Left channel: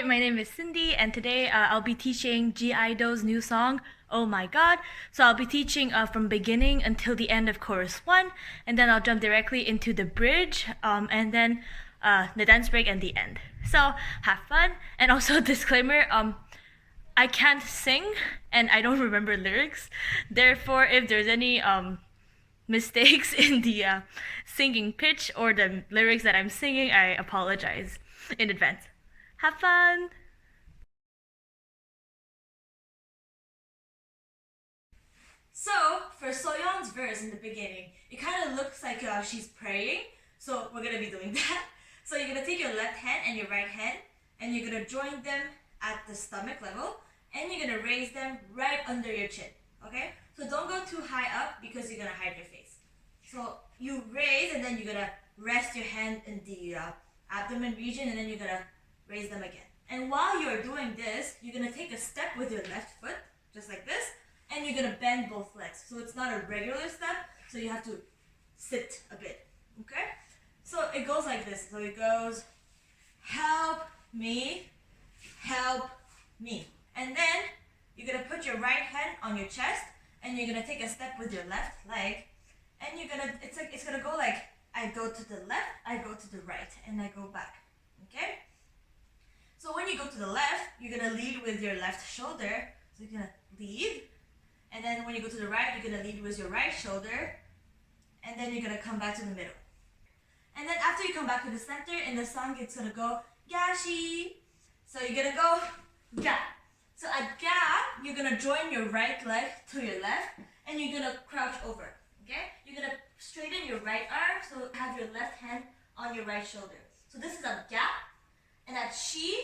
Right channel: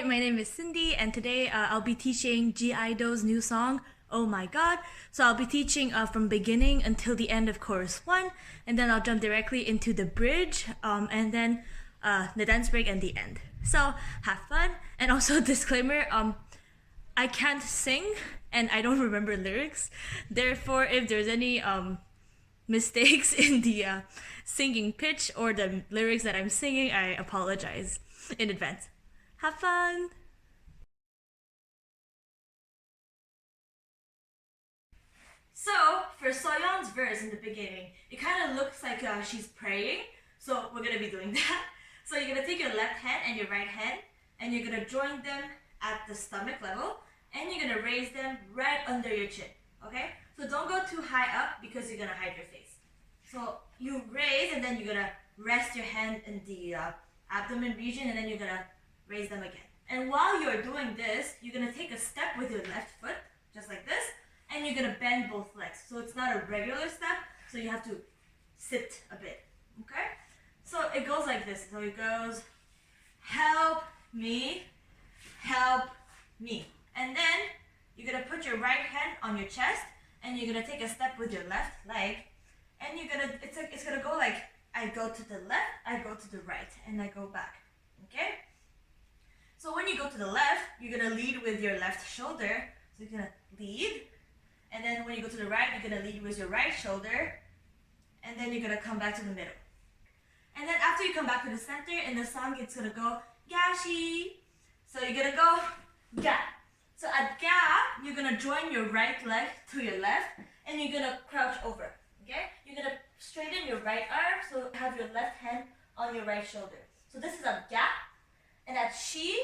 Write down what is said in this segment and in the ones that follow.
Hi, my name is Cindy, and today I'll be teaching G-Idol's new song, Oh My God. So I'll be teaching from beginning until the end of chorus 1, and then I'll jump directly into the bridge, and then the dance break and the end. So have fun, and also disclaimer, I can't sing, and I don't remember lyrics. Therefore, if there's any mistakes in the singing pitch or the lyrics that I'm singing, I apologize in advance. Have fun! So, for Soyeon's verse in the beginning, it kind of looks like she's praying, so we're gonna be doing that. So you're gonna take your left hand and your right hand, and you're gonna join them at the stomach level, and you're gonna raise them right under your chin, okay? So don't go too high up because you're gonna hide your face. So you raise, and then you're gonna rest your hand in the abdomen region, and then you're gonna raise them again. And while you're doing this, you're gonna take a step with your left foot, just like this, and you're gonna bend both legs. So it's not a regular step, so you have to sit a bit, okay? So it goes like this. So it goes, help me, and then you're gonna put your right hand on your chest, and you're gonna take a step with your left leg, and you're gonna, it's gonna go like, I go to the left, I go to the right, and I go back, okay? So when you go to the left, you're gonna lead with your left shoulder, so you're gonna lead, and then when you go to the right, you're gonna lead with your right shoulder, and then you're gonna come back to the middle. And then after you come back to the center, in the song, it's gonna go, gashi. So you're gonna go, ga. So at ga, you're gonna join your right leg to your left, and you're gonna crouch over, okay? You're gonna straighten your right arm, so have your left hand on your right shoulder. So this is at ga, and at shi,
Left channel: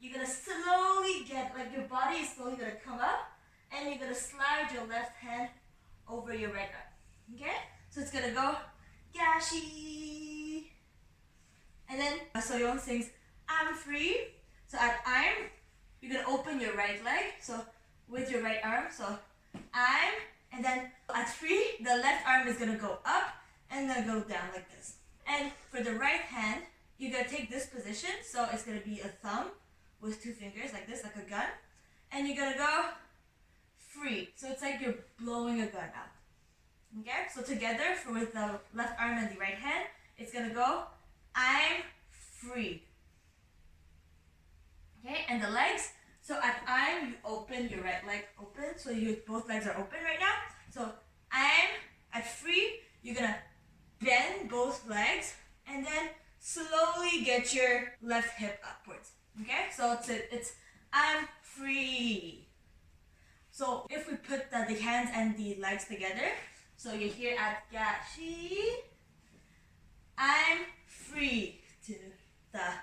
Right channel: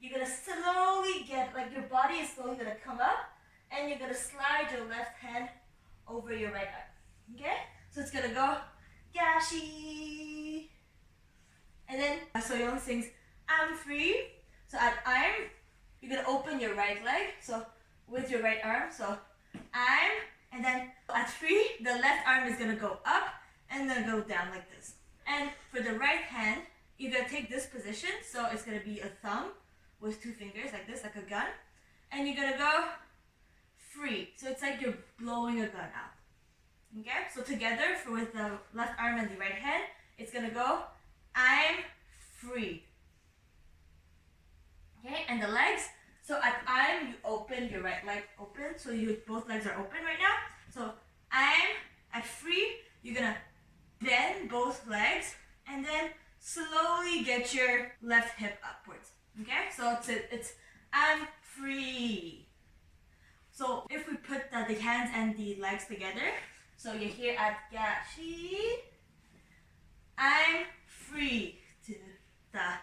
you're gonna slowly get, like your body is slowly gonna come up, and you're gonna slide your left hand over your right arm, okay? So it's gonna go, gashi. And then Soyeon sings, I'm free. So at I'm, you're gonna open your right leg, so with your right arm, so I'm, and then at free, the left arm is gonna go up and then go down like this. And for the right hand, you're gonna take this position, so it's gonna be a thumb with two fingers like this, like a gun, and you're gonna go free. So it's like you're blowing a gun out. Okay, so together with the left arm and the right hand, it's gonna go, I'm free. Okay, and the legs, so at I'm, you open your right leg open, so both legs are open right now. So I'm at free, you're gonna bend both legs, and then slowly get your left hip upwards. Okay, so it's I'm free. So if we put the hands and the legs together, so you're here at gashi, I'm free to da.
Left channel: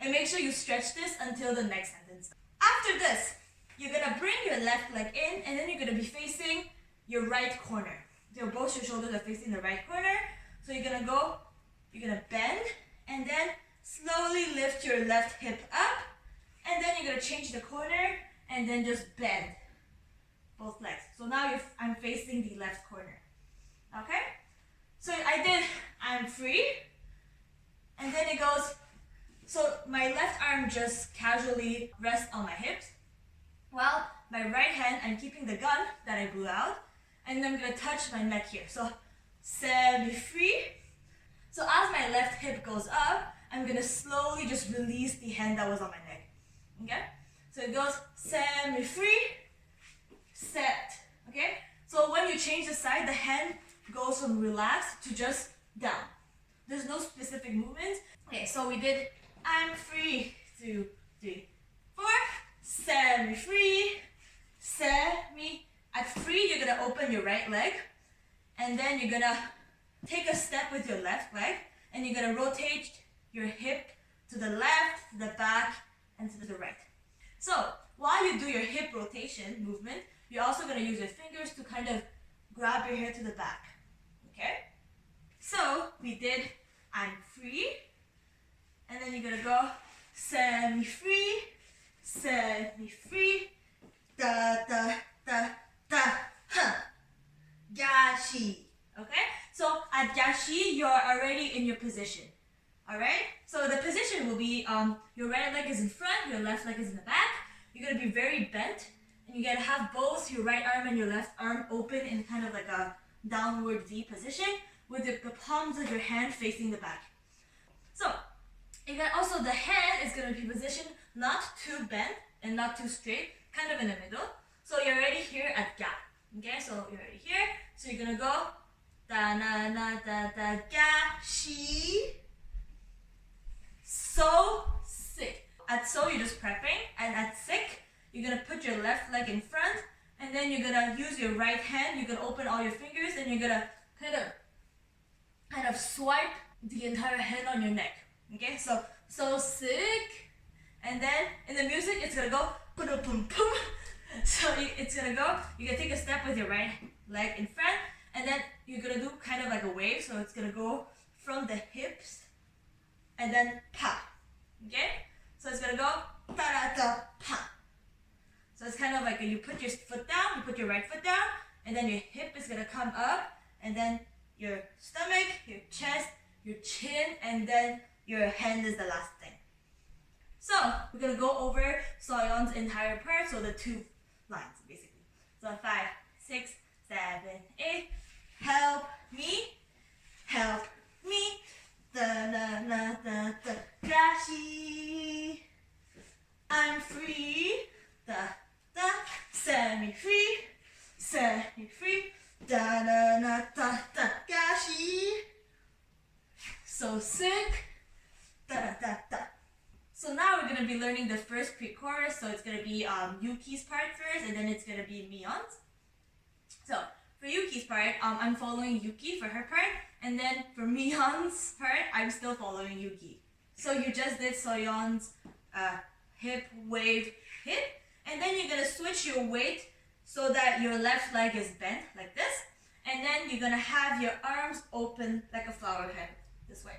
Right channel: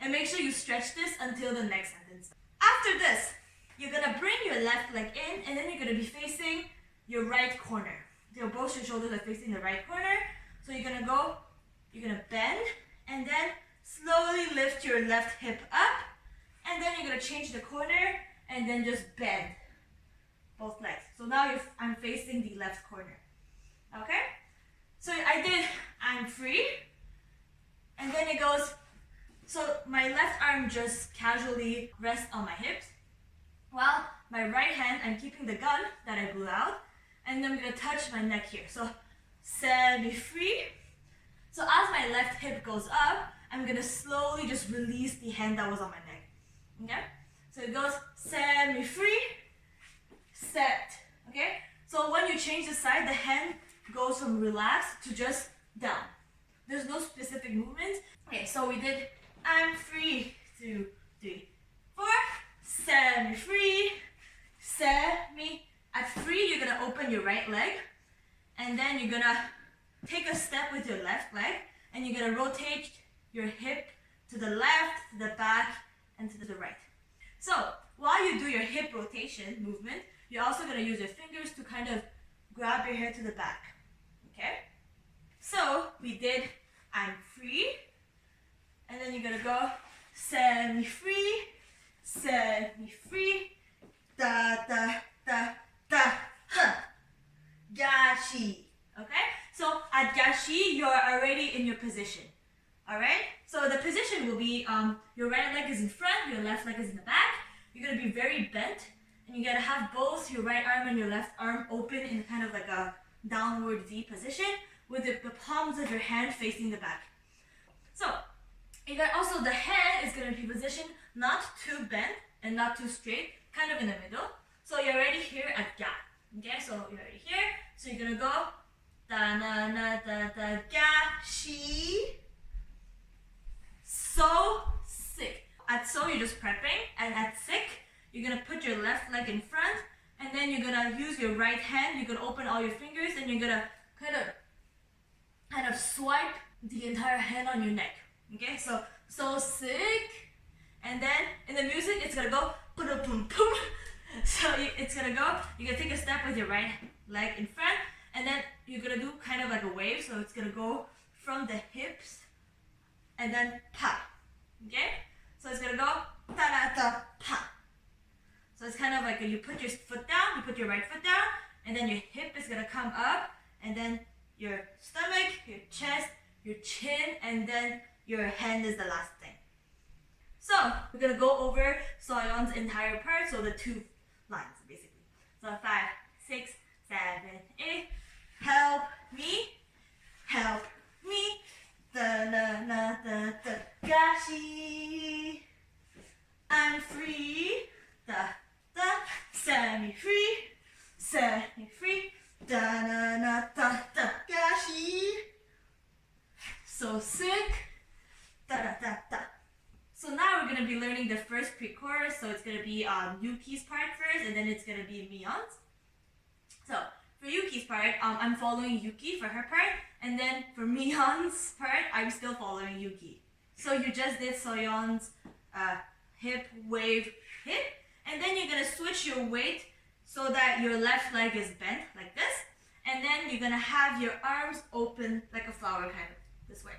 And make sure you stretch this until the next sentence. After this, you're gonna bring your left leg in, and then you're gonna be facing your right corner. So both your shoulders are facing the right corner. So you're gonna go, you're gonna bend, and then slowly lift your left hip up, and then you're gonna change the corner, and then just bend both legs. So now I'm facing the left corner. Okay? So I did I'm free, and then it goes, so my left arm just casually rests on my hips, while my right hand, I'm keeping the gun that I blew out, and I'm gonna touch my neck here. So semi-free. So as my left hip goes up, I'm gonna slowly just release the hand that was on my neck. Okay? So it goes semi-free, set. Okay? So when you change the side, the hand goes from relaxed to just down. There's no specific movement. Okay, so we did I'm free, 2, 3, 4, semi-free, semi. At free, you're gonna open your right leg, and then you're gonna take a step with your left leg, and you're gonna rotate your hip to the left, to the back, and to the right. So while you do your hip rotation movement, you're also gonna use your fingers to kind of grab your hair to the back. Okay? So we did I'm free, and then you're gonna go semi-free, da, huh, gashi. Okay? So at gashi, you're already in your position. Alright? So So the position will be your right leg is in front, your left leg is in the back. You're gonna be very bent, and you gotta have both your right arm and your left arm open in kind of like a downward V position with the palms of your hand facing the back. So you got also the head is gonna be positioned not too bent and not too straight, kind of in the middle. So you're already here at ga. Okay, so you're already here. So you're gonna go da na na da da ga shi. So sick. At so you're just prepping, and at sick you're gonna put your left leg in front, and then you're gonna use your right hand. You're gonna open all your fingers, and you're gonna kind of swipe the entire hand on your neck. Okay, so sick, and then in the music it's gonna go pum pum pum. So it's gonna go. You're gonna take a step with your right leg in front, and then you're gonna do kind of like a wave. So it's gonna go from the hips, and then pa. Okay, so it's gonna go ta da da pa. So it's kind of like you put your foot down, you put your right foot down, and then your hip is gonna come up, and then your stomach, your chest, your chin, and then your hand is the last thing. So we're gonna go over Soyeon's entire part, so the 2 lines basically. So 5, 6, 7, 8. Help me, da na na da da gashi. I'm free, da da. Set me free, da na na da da gashi. So sick, da da da da. So now we're gonna be learning the first pre-chorus. So it's gonna be Yuki's part first, and then it's gonna be Mion's. So for Yuki's part, I'm following Yuki for her part, and then for Mion's part, I'm still following Yuki. So you just did Soyeon's hip wave hip, and then you're gonna switch your weight so that your left leg is bent like this, and then you're gonna have your arms open like a flower, kind of this way.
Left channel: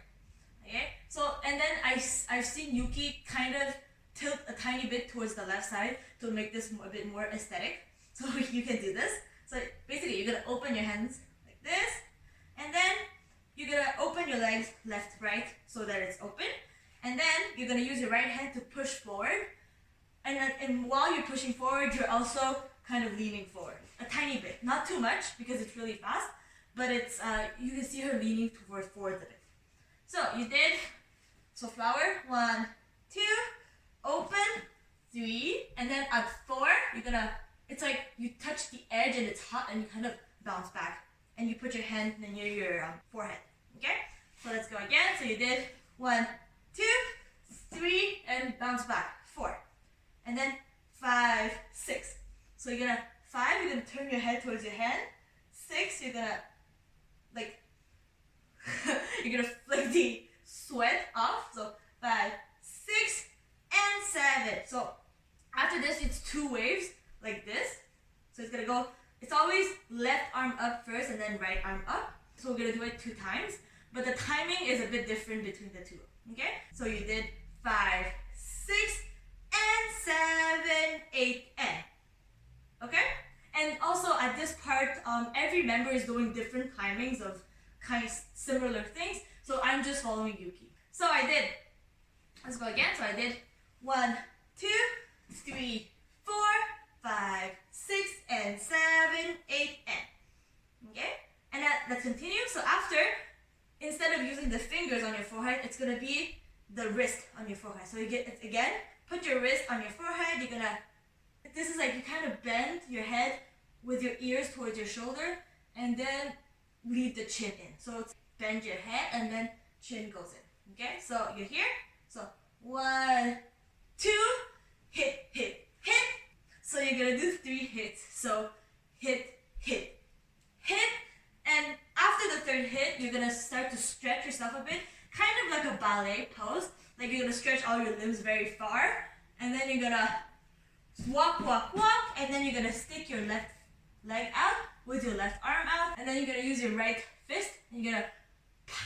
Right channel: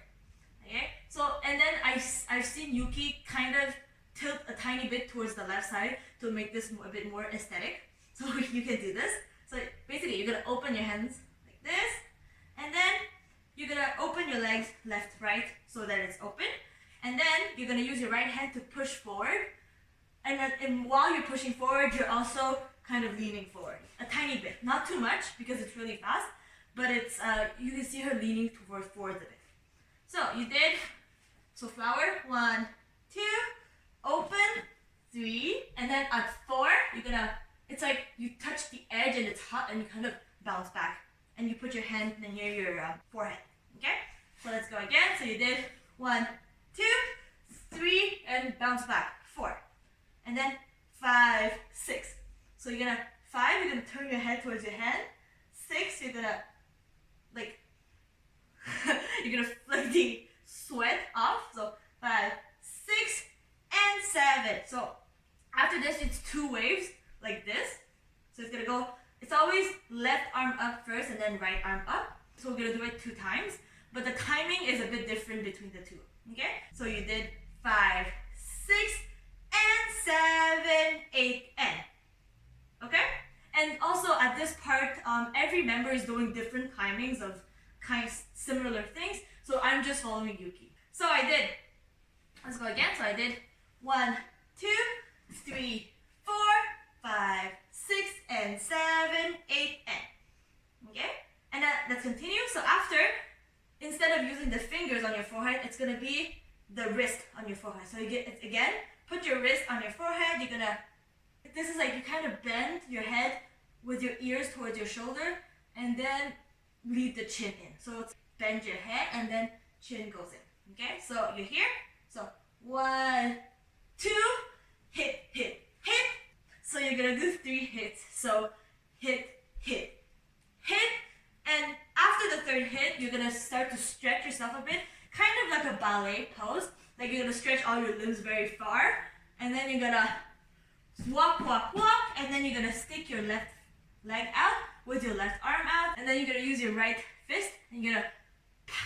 Okay, so and then I've seen Yuki kind of tilt a tiny bit towards the left side to make this a bit more aesthetic. So you can do this. So basically you're gonna open your hands like this, and then you're gonna open your legs left, right, so that it's open, and then you're gonna use your right hand to push forward, and while you're pushing forward, you're also kind of leaning forward a tiny bit, not too much because it's really fast, but it's you can see her leaning forward a bit. So you did, so flower, 1, 2, open, 3, and then at 4, you're gonna, it's like you touch the edge and it's hot and you kind of bounce back. And you put your hand near your forehead, okay? So let's go again. So you did 1, 2, 3, and bounce back, 4. And then 5, 6. So you're gonna, 5, you're gonna turn your head towards your hand. 6, you're gonna, like, you're gonna flick the sweat off. So 5, 6, and 7. So after this, it's 2 waves like this. So it's gonna go, it's always left arm up first and then right arm up. So we're gonna do it 2 times, but the timing is a bit different between the 2. Okay? So you did 5, 6, and 7, 8, and. Okay? And also at this part, every member is doing different timings of kind of similar things. So I'm just following Yuki. So I did, let's go again. So I did 1, 2, 3, 4, 5, 6, and 7, 8, and. Okay? And let's continue. So after, instead of using the fingers on your forehead, it's gonna be the wrist on your forehead. So you get it again, put your wrist on your forehead. You're gonna, this is like you kind of bend your head with your ears towards your shoulder, and then leave the chin in. So it's bend your head and then chin goes in. Okay, so you're here. So 1, 2, hit, hit, hit. So you're gonna do 3 hits. So hit, hit, hit. And after the 3rd hit, you're gonna start to stretch yourself a bit, kind of like a ballet pose. Like you're gonna stretch all your limbs very far, and then you're gonna walk, walk, walk, and then you're gonna stick your left leg out with your left arm out, and then you're gonna use your right fist, and you're gonna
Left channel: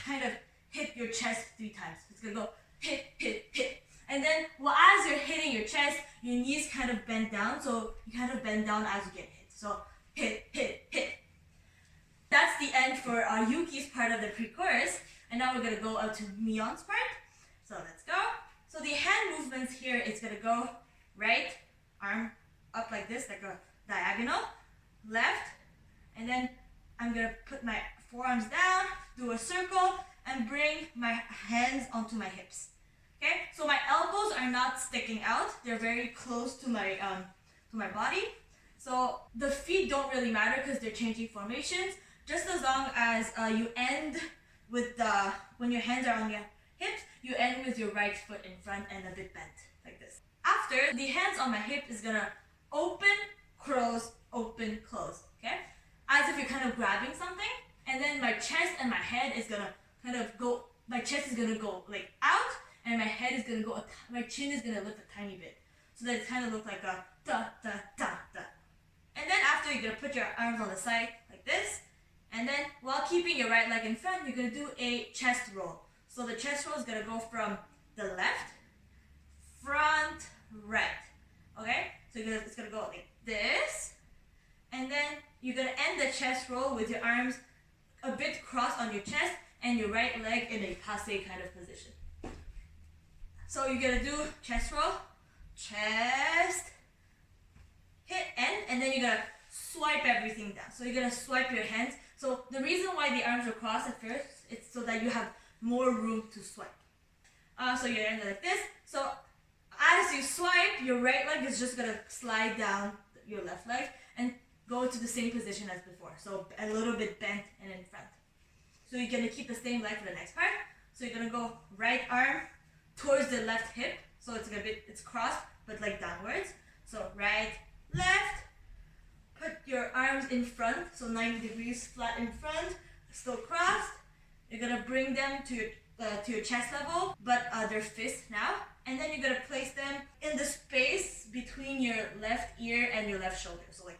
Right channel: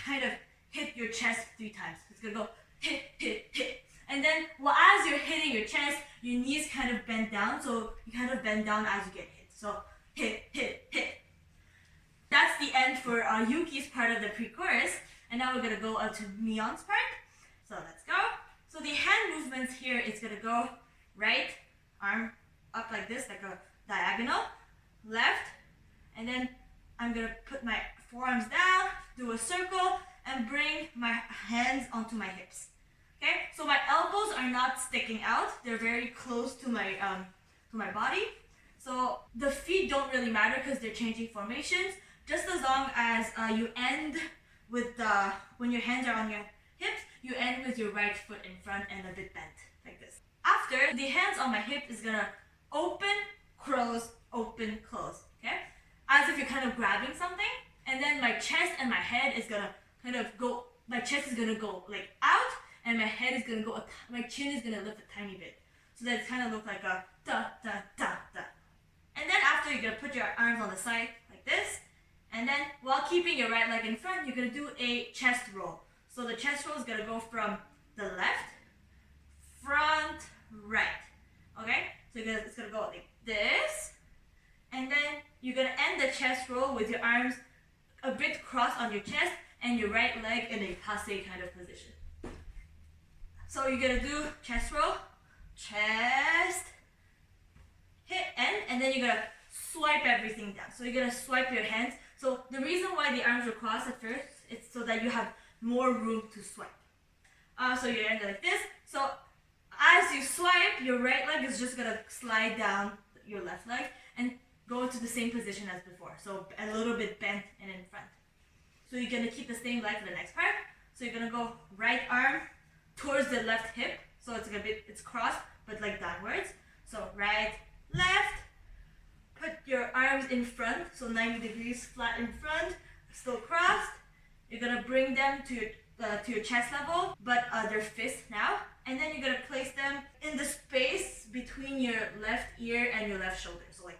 kind of hit your chest 3 times. It's gonna go hit, hit, hit. And then as you're hitting your chest, your knees kind of bend down, so you kind of bend down as you get hit. So hit, hit, hit. That's the end for Yuki's part of the pre-chorus, and now we're gonna go up to Mion's part. So let's go. So the hand movements here, it's gonna go right arm up like this, like a diagonal, left, and then I'm gonna put my forearms down, do a circle, and bring my hands onto my hips. Okay, so my elbows are not sticking out; they're very close to my body. So the feet don't really matter because they're changing formations. Just as long as you end with when your hands are on your hips, you end with your right foot in front and a bit bent, like this. After, the hands on my hip is gonna open, close, okay? As if you're kind of grabbing something. And then my chest and my head is gonna kind of go, my chest is gonna go like out, and my head is gonna go, my chin is gonna lift a tiny bit. So that it kind of looks like a da, da, da, da. And then after, you're gonna put your arms on the side like this. And then while keeping your right leg in front, you're gonna do a chest roll. So the chest roll is gonna go from the left, front, right. Okay? So it's gonna go like this. And then you're gonna end the chest roll with your arms a bit crossed on your chest and your right leg in a passe kind of position. So you're gonna do chest roll, chest, hit end, and then you're gonna swipe everything down. So you're gonna swipe your hands. So the reason why the arms are crossed at first, it's so that you have more room to swipe. So you end like this. So as you swipe, your right leg is just gonna slide down your left leg and go to the same position as before. So a little bit bent and in front. So you're gonna keep the same leg for the next part. So you're gonna go right arm towards the left hip. So it's crossed, but like downwards. So right, left. Put your arms in front, so 90 degrees flat in front, still crossed. You're gonna bring them to your chest level, but they're fists now. And then you're gonna place them in the space between your left ear and your left shoulder. So like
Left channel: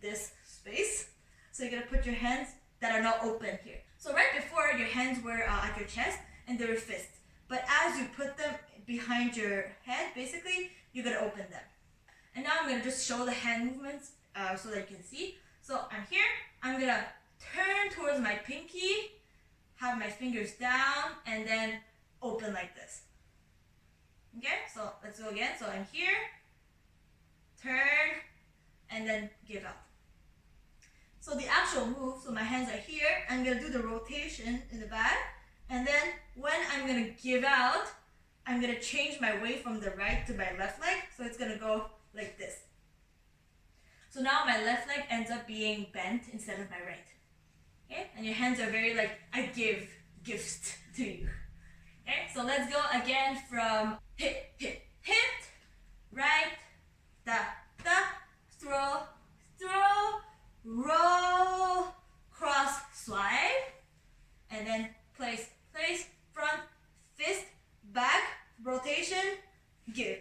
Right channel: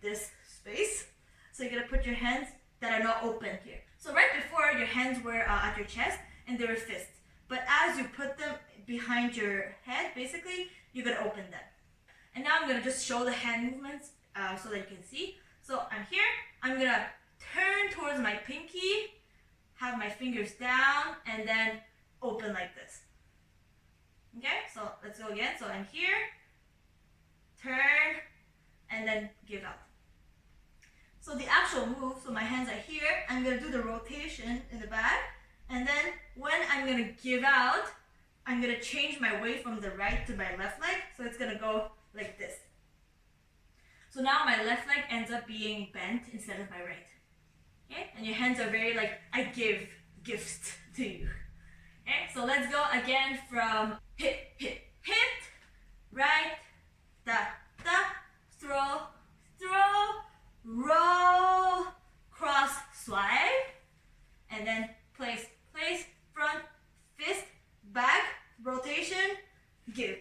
this space. So you're gonna put your hands that are now open here. So right before, your hands were at your chest and they were fists. But as you put them behind your head, basically, you're gonna open them. And now I'm gonna just show the hand movements so that you can see. So I'm here, I'm gonna turn towards my pinky, have my fingers down, and then open like this. Okay, so let's go again. So I'm here, turn, and then give out. So the actual move, so my hands are here, I'm gonna do the rotation in the back, and then when I'm gonna give out, I'm gonna change my weight from the right to my left leg, so it's gonna go like this. So now my left leg ends up being bent instead of my right. Okay, and your hands are very like, I give gifts to you. Okay, so let's go again from hit, hit, hit, right, da, da, throw, throw, roll, cross, swipe, and then place, place, front, fist, back, rotation, give.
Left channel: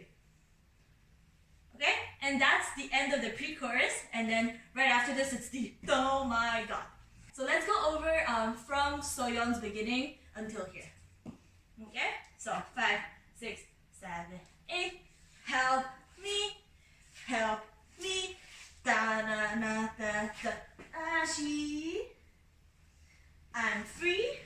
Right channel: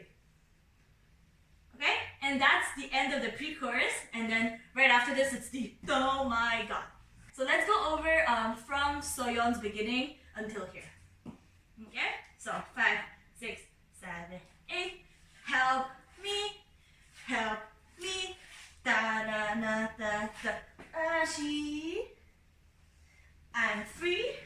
Okay, and that's the end of the pre-chorus, and then right after this it's the oh my god. So let's go over from Soyeon's beginning until here. Okay, so 5, 6, 7, 8. Help me, da na na da da. She, I'm free,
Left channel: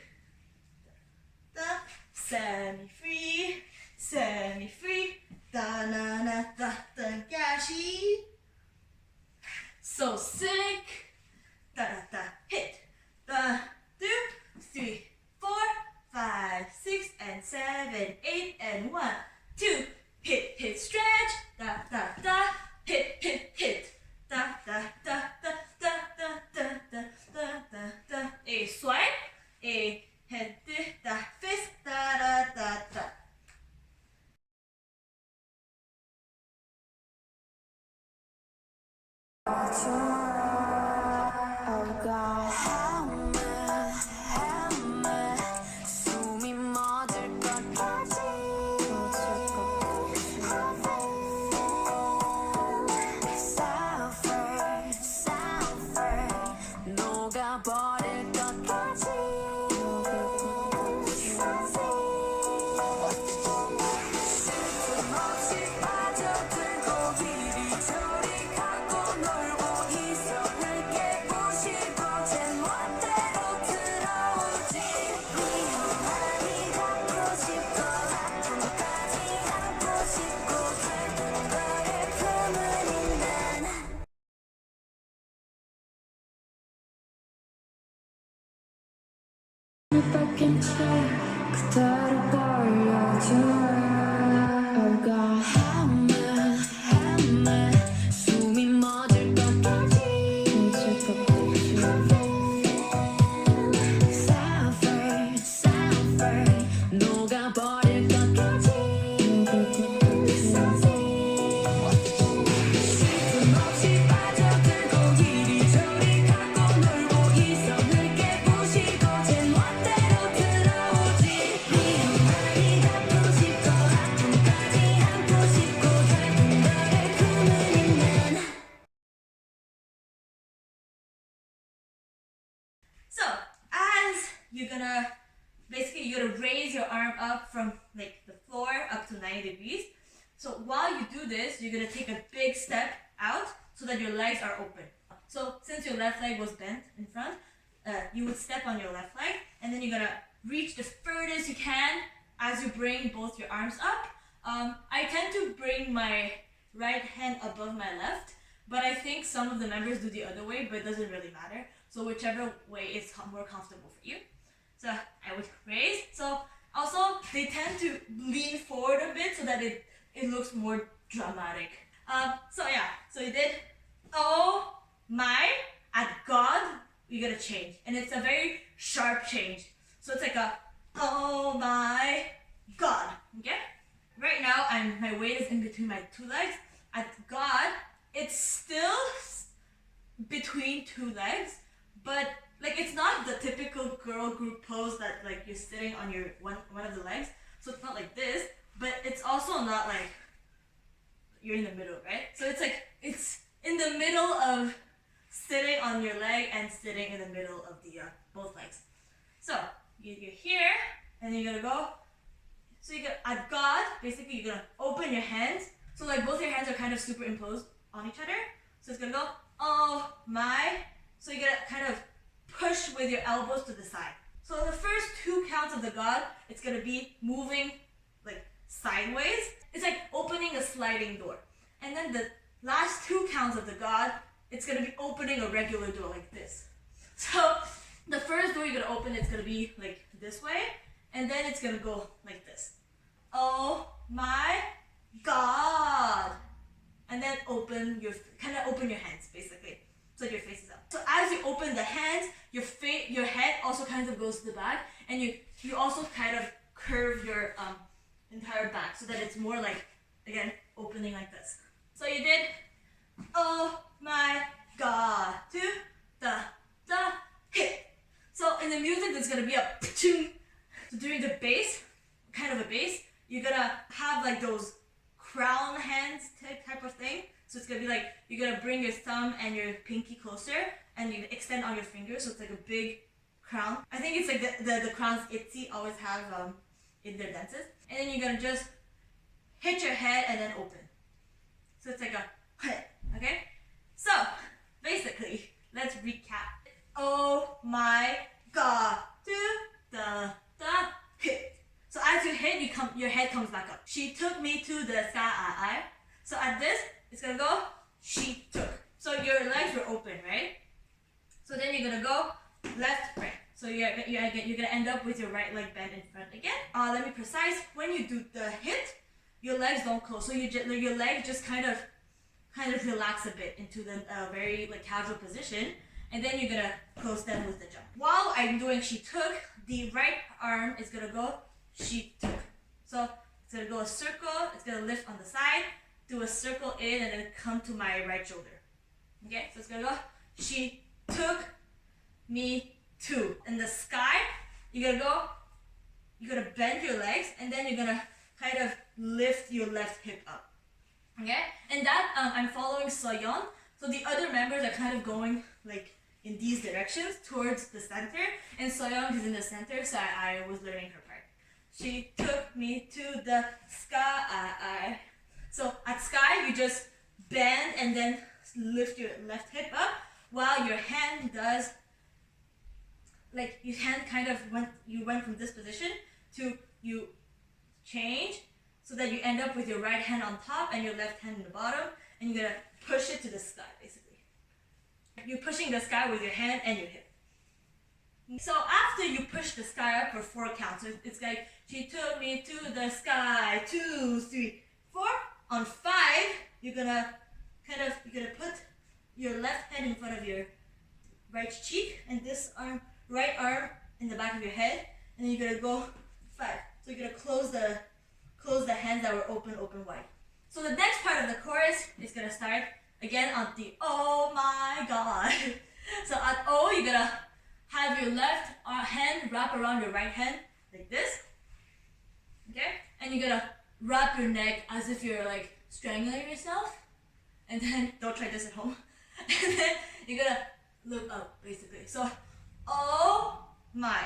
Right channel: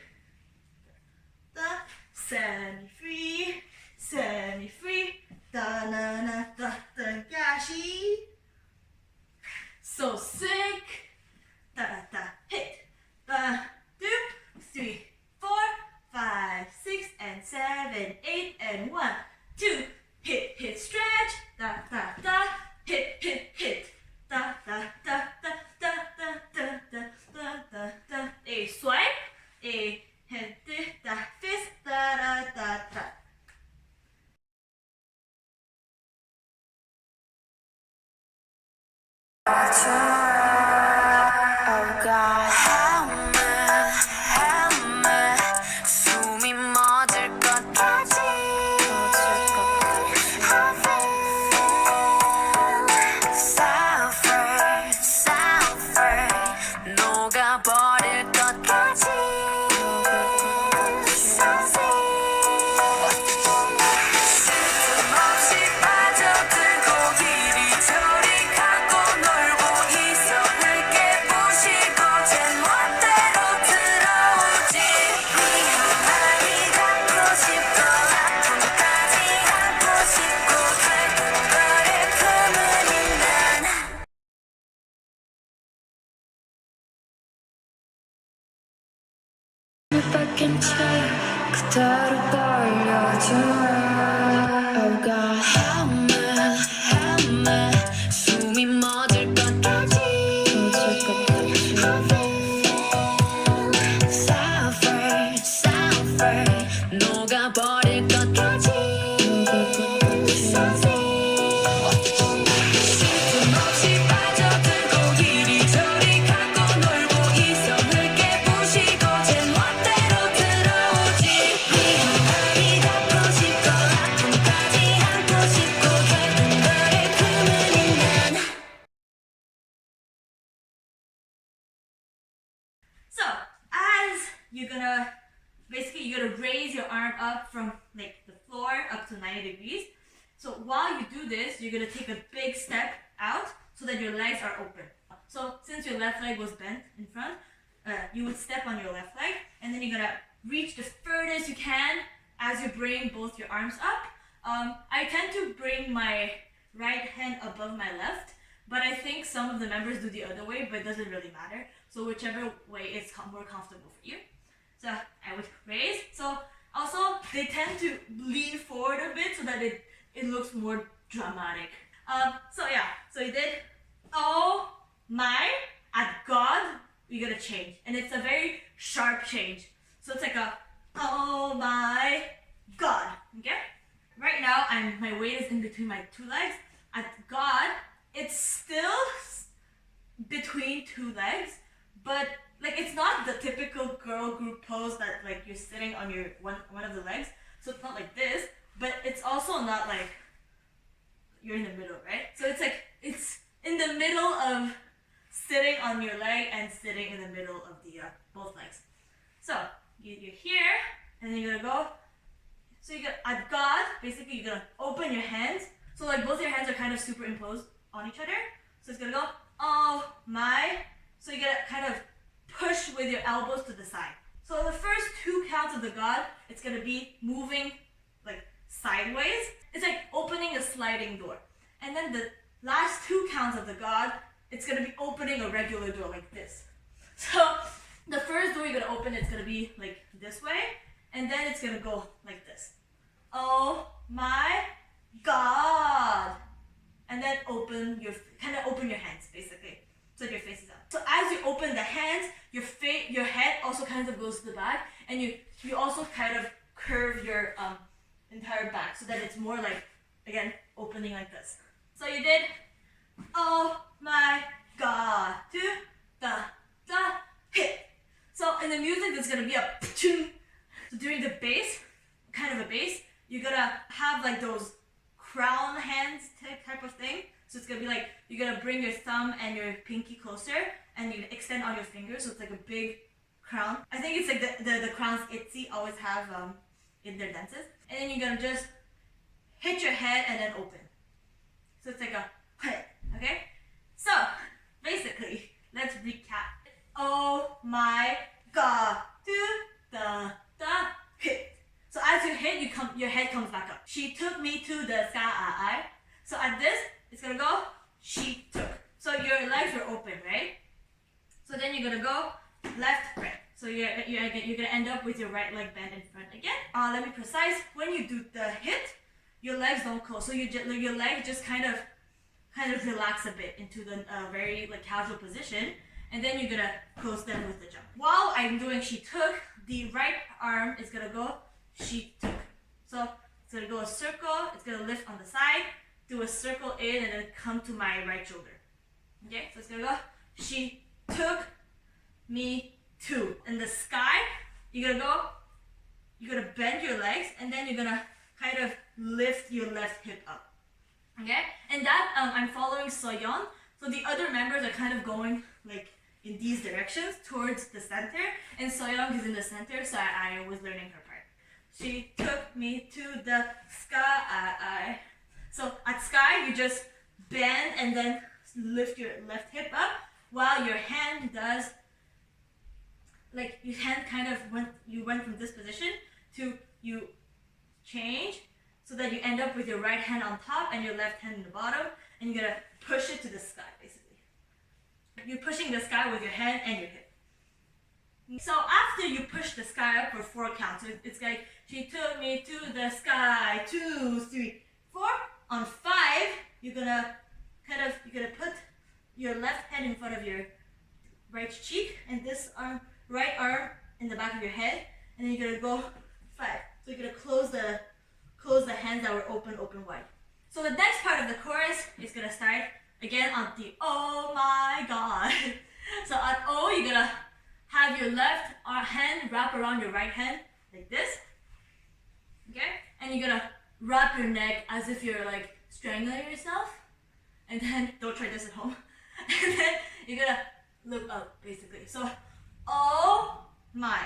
da, semi-free, semi-free, da na na da da gashi. So sick, da da da hit, da 2, 3, 4, 5, 6, and 7, 8, and 1, 2, hit, hit, stretch, da da da, hit, hit, hit, da da da da da da da da da da da. A swipe, a hit, da fist, da da da da. Oh God, help me, 숨이 멎을 것까지. Suffer, 녹아버릴 것까지. 쓸틈없이 빠져들고 이리저리 가고 놀고 gonna raise your arm up from like the floor up to 90 degrees. So while you do this, you're gonna take a big step out so that your legs are open. So since your left leg was bent in front, you would step on your left leg, and then you're gonna reach the furthest you can as you bring both your arms up. I tend to bring my right hand above my left, but I think some of the members do the other way, but it doesn't really matter. So whichever way is more comfortable for you. So I would raise. So also they tend to lean forward a bit so that it looks more dramatic. So yeah, so you did, oh my, at God, we gotta change. And it's a very sharp change. So it's like a, oh my God, okay? Right now, my weight is in between my two legs. At God, it's still between two legs, but like it's not the typical girl group pose that like you're sitting on your one of the legs. So it's not like this, but it's also not like you're in the middle, right? So it's like it's in the middle of sitting on your leg and sitting in the middle of the both legs. So you're here, and then you're gonna go. So you got at God, basically you're gonna open your hands. So like both your hands are kind of superimposed on each other. So it's gonna go, oh my. So you're gonna kind of push with your elbows to the side. So the first two counts of the God, it's gonna be moving like sideways. It's like opening a sliding door. And then the last two counts of the God, it's gonna be opening a regular door like this. So the first door you're gonna open, it's gonna be like this way, and then it's gonna go like this. Oh my God. And then open your hands basically, so your face is up. So as you open the hands, your head also kind of goes to the back, and you also kind of curve your entire back so that it's more like, again, opening like this. So you did, oh my God, to the hit. So in the music, there's gonna be a so during the bass, kind of a bass, you're gonna have like those crown hands type of thing. So it's gonna be like, you're gonna bring your thumb and your pinky closer, and you extend on your fingers, so it's like a big crown. I think it's like the crowns ITZY always have in their dances. And then you're gonna just hit your head and then open. So it's like a hit, okay? So basically, let's recap. Oh my God, to the hit. So as you hit, your head comes back up. She took me to the sky. So at this, it's gonna go, she took. So your legs were open, right? So then you're gonna go left, right. So you're gonna end up with your right leg bent in front again. Let me precise. When you do the hit, your legs don't close. So your leg just kind of relax a bit into the very like casual position, and then you're gonna close them with the jump. While I'm doing she took, the right arm is gonna go she took. So it's gonna go a circle. It's gonna lift on the side, do a circle in, and then come to my right shoulder. Okay, so it's gonna go she took me to. In the sky, you're gonna bend your legs, and then you're gonna kind of lift your left hip up. Okay, and that I'm following Soyeon. So the other members are kind of going like in these directions towards the center, and Soyeon is in the center, so I was learning her part. She took me to the sky. So at sky, you just bend and then lift your left hip up, while your hand does, like your hand kind of went from this position to you change, so that you end up with your right hand on top and your left hand in the bottom, and you're gonna push it to the sky basically. You're pushing the sky with your hand and your hip. So after you push the sky up for 4 counts, so it's like she took me to the sky, 2, 3, 4. On 5, you're gonna put your left hand in front of your right cheek, and this right arm in the back of your head, and then you're gonna go 5. So you're gonna close the hands that were open wide. So the next part of the chorus is gonna start again on the oh my God. So at O, you're gonna have your left hand wrap around your right hand like this. Okay? And you're gonna wrap your neck as if you're like strangling yourself. And then, don't try this at home. And then you're gonna look up basically. So, oh my.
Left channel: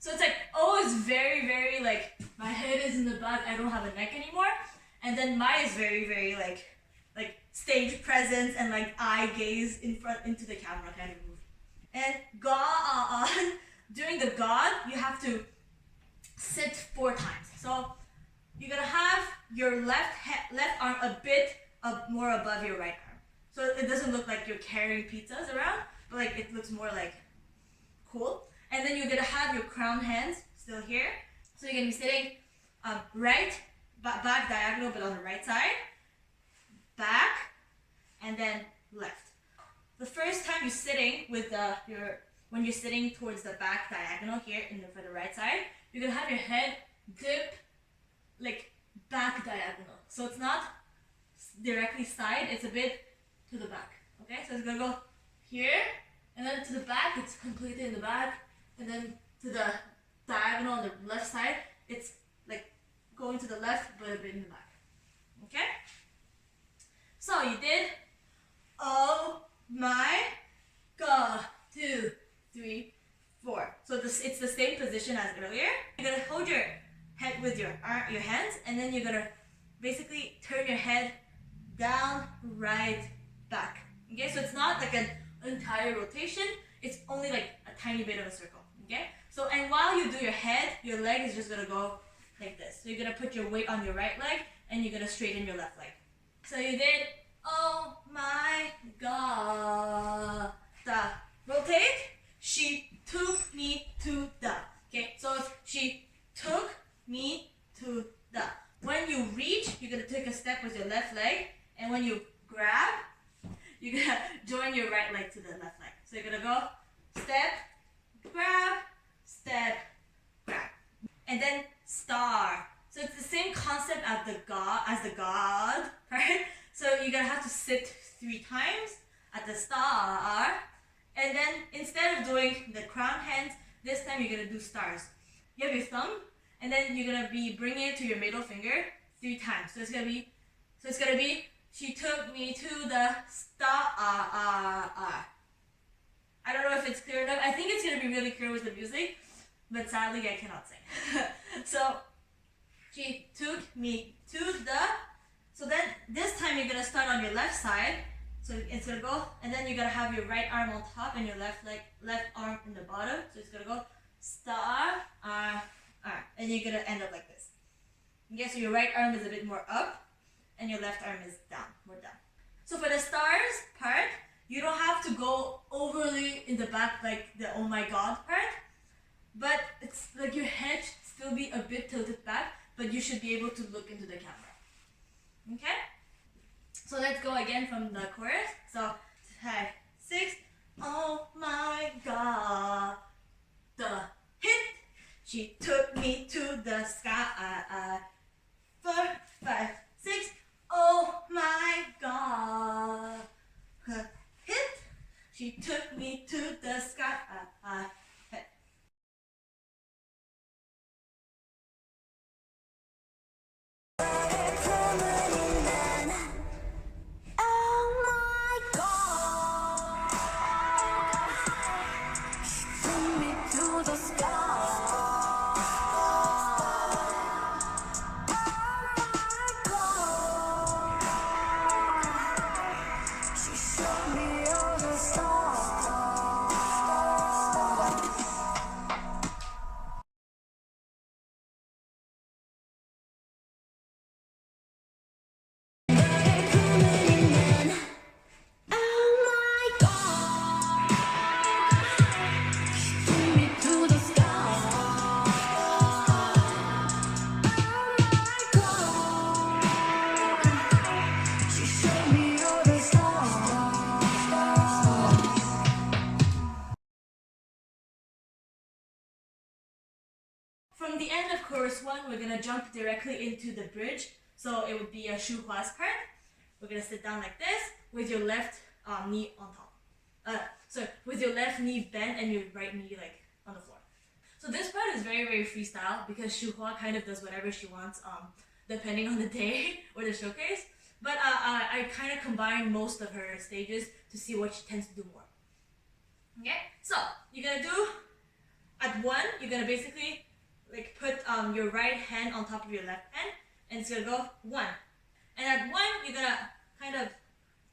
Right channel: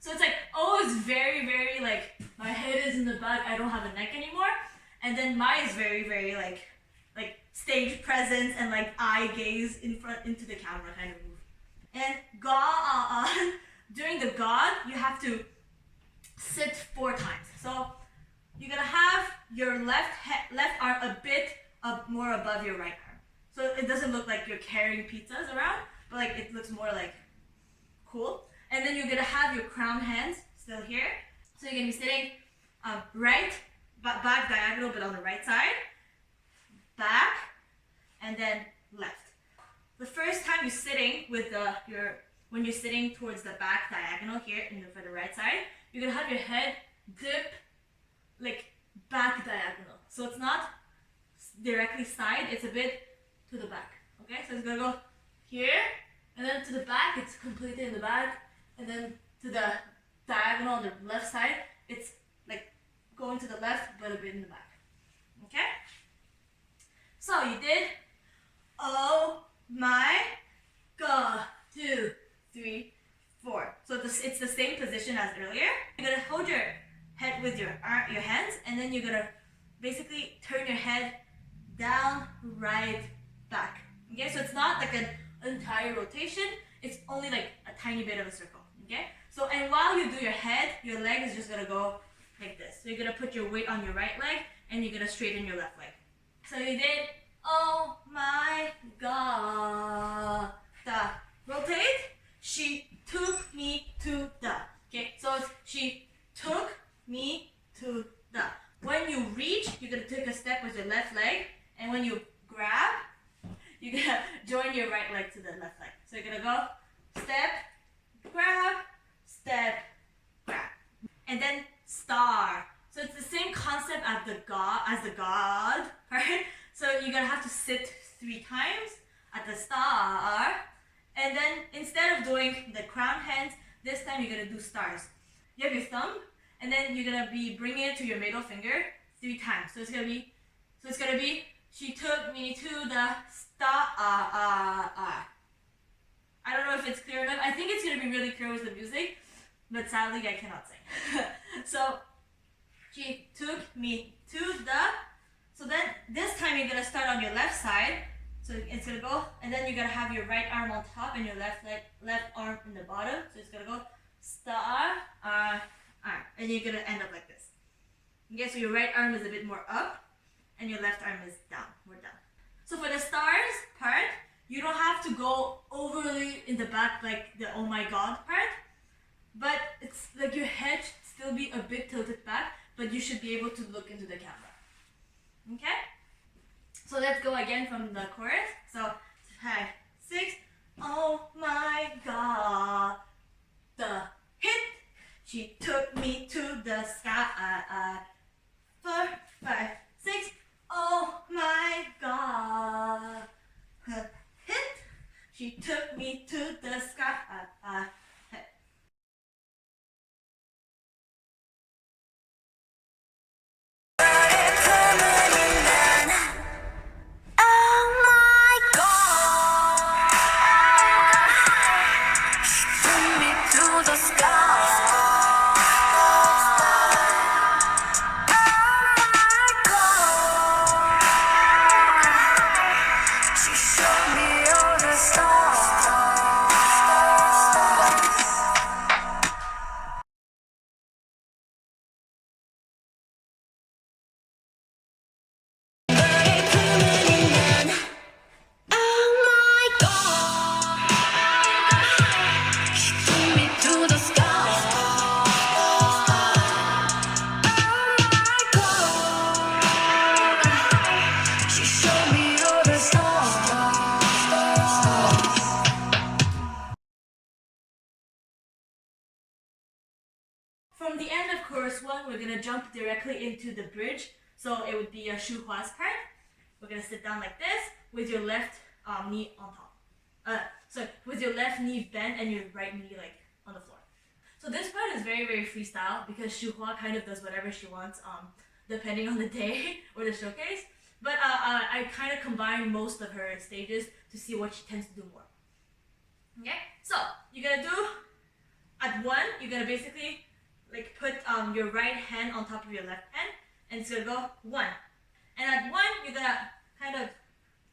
So it's like always very, very like my head is in the back, I don't have a neck anymore. And then my is very, very like stage presence and like eye gaze in front into the camera kind of move. And ga during the god, you have to sit 4 times. So you're gonna have your left arm a bit more above your right arm. So it doesn't look like you're carrying pizzas around, but like it looks more like cool. And then you're gonna have your crown hands still here. So you're gonna be sitting right, back diagonal, but on the right side, back, and then left. The first time you're sitting with when you're sitting towards the back diagonal here for the right side, you're gonna have your head dip like back diagonal. So it's not directly side, it's a bit to the back. Okay, so it's gonna go here, and then to the back, it's completely in the back, and then to the diagonal on the left side, it's like going to the left, but a bit in the back. Okay? So you did, oh my god, 2, 3, 4. So it's the same position as earlier. You're gonna hold your head with your hands, and then you're gonna basically turn your head down, right, back. Okay, so it's not like an entire rotation, it's only like a tiny bit of a circle. Okay, so and while you do your head, your leg is just gonna go like this. So you're gonna put your weight on your right leg, and you're gonna straighten your left leg. So you did, oh my god, rotate. She took me to the. Okay, so it's she took me to the. When you reach, you're gonna take a step with your left leg, and when you grab, you're gonna join your right leg to the left leg. So you're gonna go step, grab, and then star. So it's the same concept as the god, right? So you're gonna have to sit 3 times at the star, and then instead of doing the crown hands, this time you're gonna do stars. You have your thumb, and then you're gonna be bringing it to your middle finger 3 times. So it's gonna be she took me to the star. I don't know if it's clear enough. I think it's gonna be really clear with the music, but sadly I cannot sing. So she took me to the. So then this time you're gonna start on your left side. So it's gonna go, and then you're gonna have your right arm on top and your left arm in the bottom. So it's gonna go star, and you're gonna end up like this. Okay, so your right arm is a bit more up, and your left arm is down. We're done. So for the stars part, you don't have to go overly in the back like the oh my god part, but it's like your head should still be a bit tilted back, but you should be able to look into the camera. Okay? So let's go again from the chorus. So 5, 6. Oh my god, the hit. She took me to the sky. 4, 5, 6. Oh my god, hit. She took me to the sky. Hit. From the end of chorus 1, we're gonna jump directly into the bridge. So it would be a shuhua's part. We're gonna sit down like this with your left knee on top. So with your left knee bent and your right knee like on the floor. So this part is very, very freestyle because Shuhua kind of does whatever she wants depending on the day or the showcase. But I kind of combine most of her stages to see what she tends to do more. Okay, so you're gonna do at 1, you're gonna basically like put your right hand on top of your left hand, and it's gonna go 1. And at 1, you're gonna kind of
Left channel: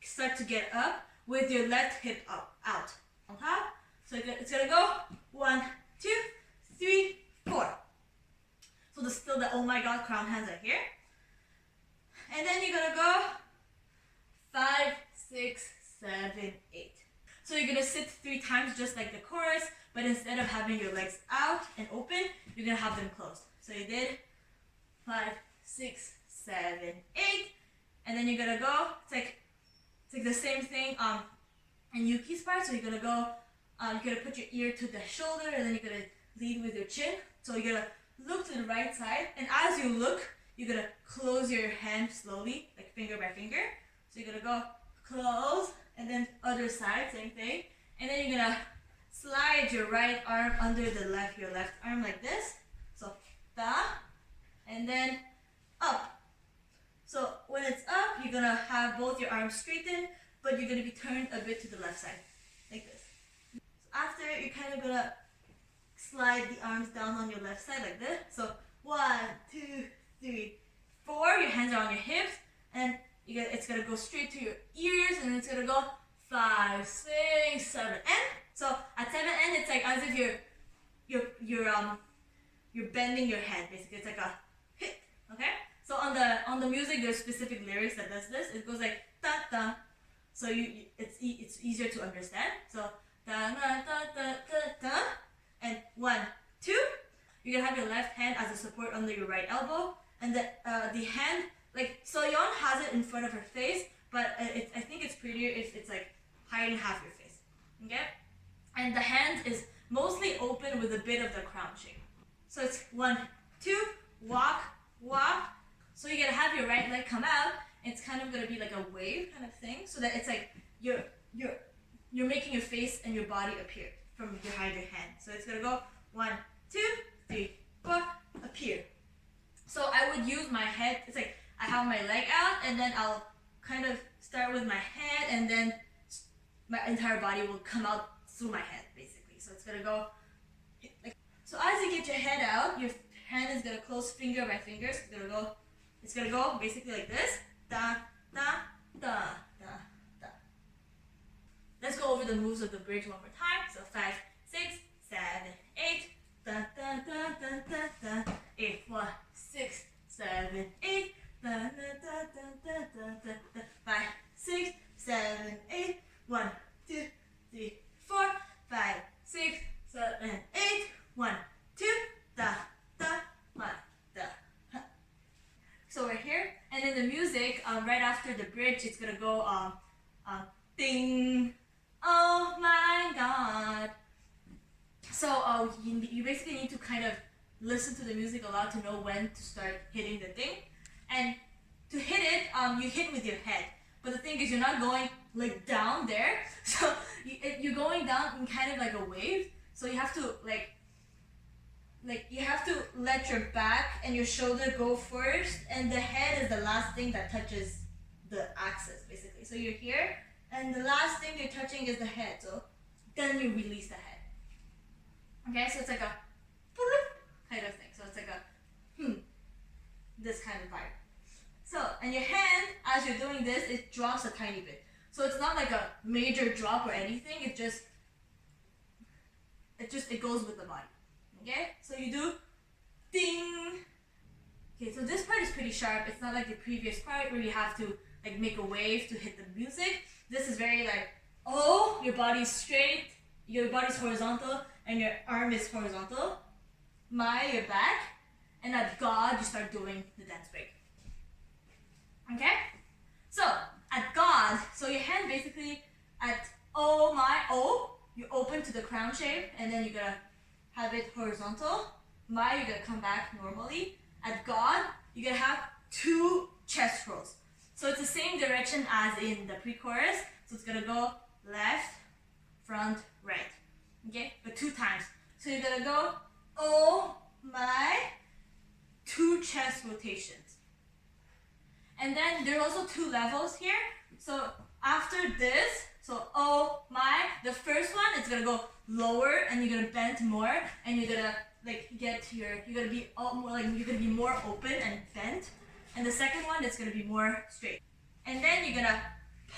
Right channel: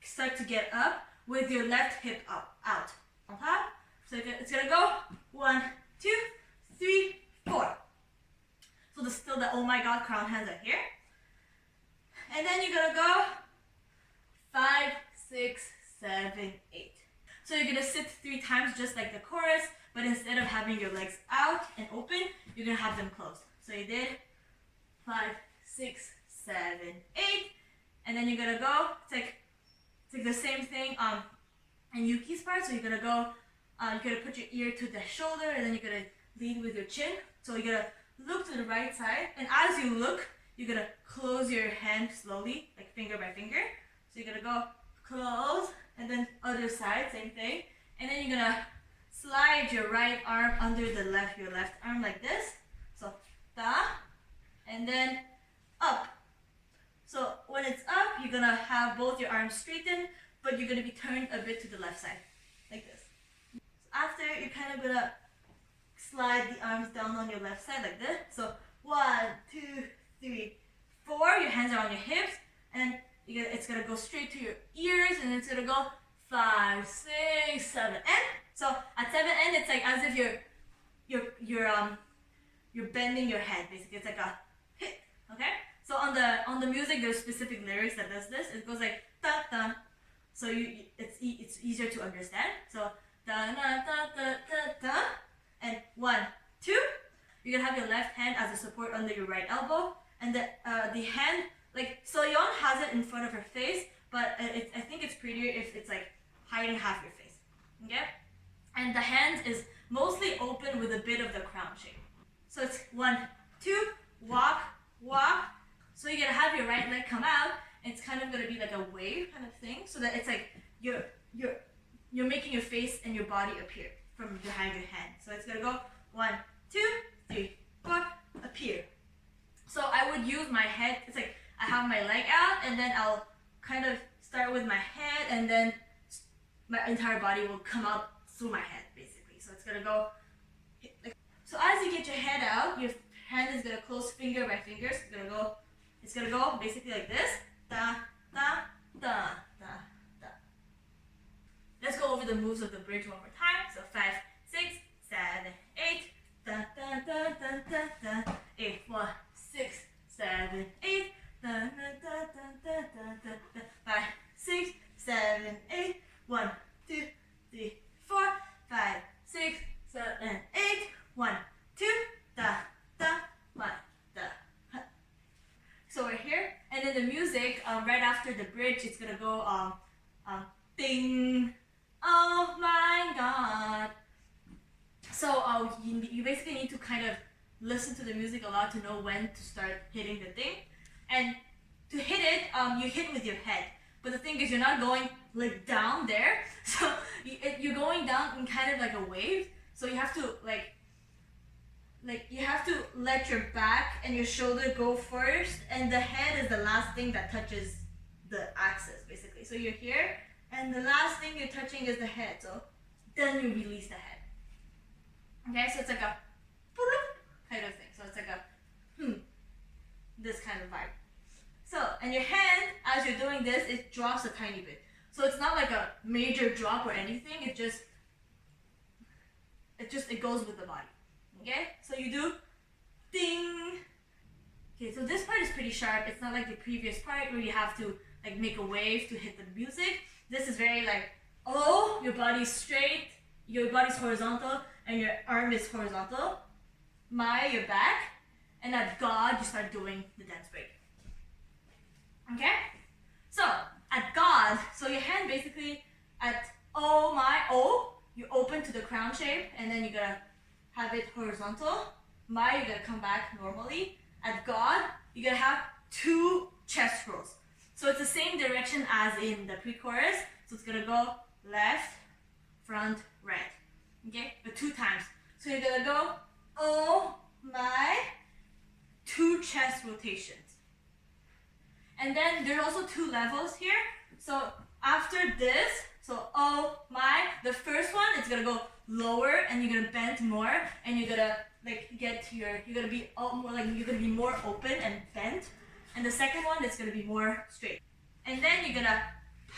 start to get up with your left hip out on top. So it's gonna go 1, 2, 3, 4. So still the oh my god crown hands are here. And then you're gonna go 5, 6, 7, 8. So you're gonna sit 3 times just like the chorus, but instead of having your legs out and open, you're gonna have them closed. So you did 5, 6, 7, 8, and then you're gonna go. It's like the same thing in Yuki's part. So you're gonna go. You're gonna put your ear to the shoulder, and then you're gonna lead with your chin. So you're gonna look to the right side, and as you look, you're gonna close your hand slowly, like finger by finger. So you're gonna go close, and then other side, same thing. And then you're gonna slide your right arm under your left arm like this. So da, and then up. So when it's up, you're gonna have both your arms straightened, but you're gonna be turned a bit to the left side, like this. So after, you're kind of gonna slide the arms down on your left side like this. So 1, 2, 3, 4. Your hands are on your hips, and it's gonna go straight to your ears, and it's gonna go 5, 6, 7, and so at 7 and it's like as if you're bending your head. Basically, it's like a hit. Okay. So on the music, there's specific lyrics that does this. It goes like da da. So it's easier to understand. So da da da da da da, and 1, 2. You're gonna have your left hand as a support under your right elbow, and the hand, like Soyeon has it in front of her face, but I think it's prettier if it's like hiding half your face. Okay? And the hand is mostly open with a bit of the crown shape. So it's 1, 2, walk, walk. So you're gonna have your right leg come out. It's kind of gonna be like a wave kind of thing, so that it's like you're making your face and your body appear from behind your hand. So it's gonna go 1, 2, 3, 4, appear. So I would use my head. It's like I have my leg out, and then I'll kind of start with my head, and then my entire body will come out through my head, basically. So it's gonna go like. So as you get your head out, your hand is gonna close finger by finger. So it's gonna go basically like this. Da da da da da. Let's go over the moves of the bridge one more time. So 5, 6, 7, 8. Da da da da da da. 8, 1, 6, 7, 8. Da da da da da da da. 5, 6, 7, 8. 1, 2, 3, 4, 5, 6, 7, 8. 1, 2, da da 1 da. So we're here, and then the music right after the bridge, it's gonna go ding. Oh my god. So you basically need to kind of listen to the music a lot to know when to start hitting the thing. And to hit it, you hit with your head. But the thing is, you're not going like down there. So you're going down in kind of like a wave. So you have to you have to let your back and your shoulder go first, and the head is the last thing that touches the axis, basically. So you're here, and the last thing you're touching is the head. So then you release the head. Okay, so it's like a kind of thing. So it's like a this kind of vibe. So, and your hand, as you're doing this, it drops a tiny bit. So it's not like a major drop or anything. It goes with the body. Okay, so you do ding. Okay, so this part is pretty sharp. It's not like the previous part where you have to like make a wave to hit the music. This is very like, oh, your body's straight, your body's horizontal, and your arm is horizontal. Your back, and at God, you start doing the dance break. Okay? So, at God, so your hand basically at oh my, oh, you open to the crown shape, and then you're gonna have it horizontal. You're gonna come back normally. At God, you're gonna have 2 chest rolls. So it's the same direction as in the pre-chorus. So it's gonna go left, front, right. Okay? But 2 times. So you're gonna go, oh my, 2 chest rotations. And then there are also 2 levels here. So after this, so oh my, the first one, it's gonna go lower and you're gonna bend more, and you're gonna like get to your, you're gonna be more like, you're gonna be more open and bent. And the second one is gonna be more straight. And then you're gonna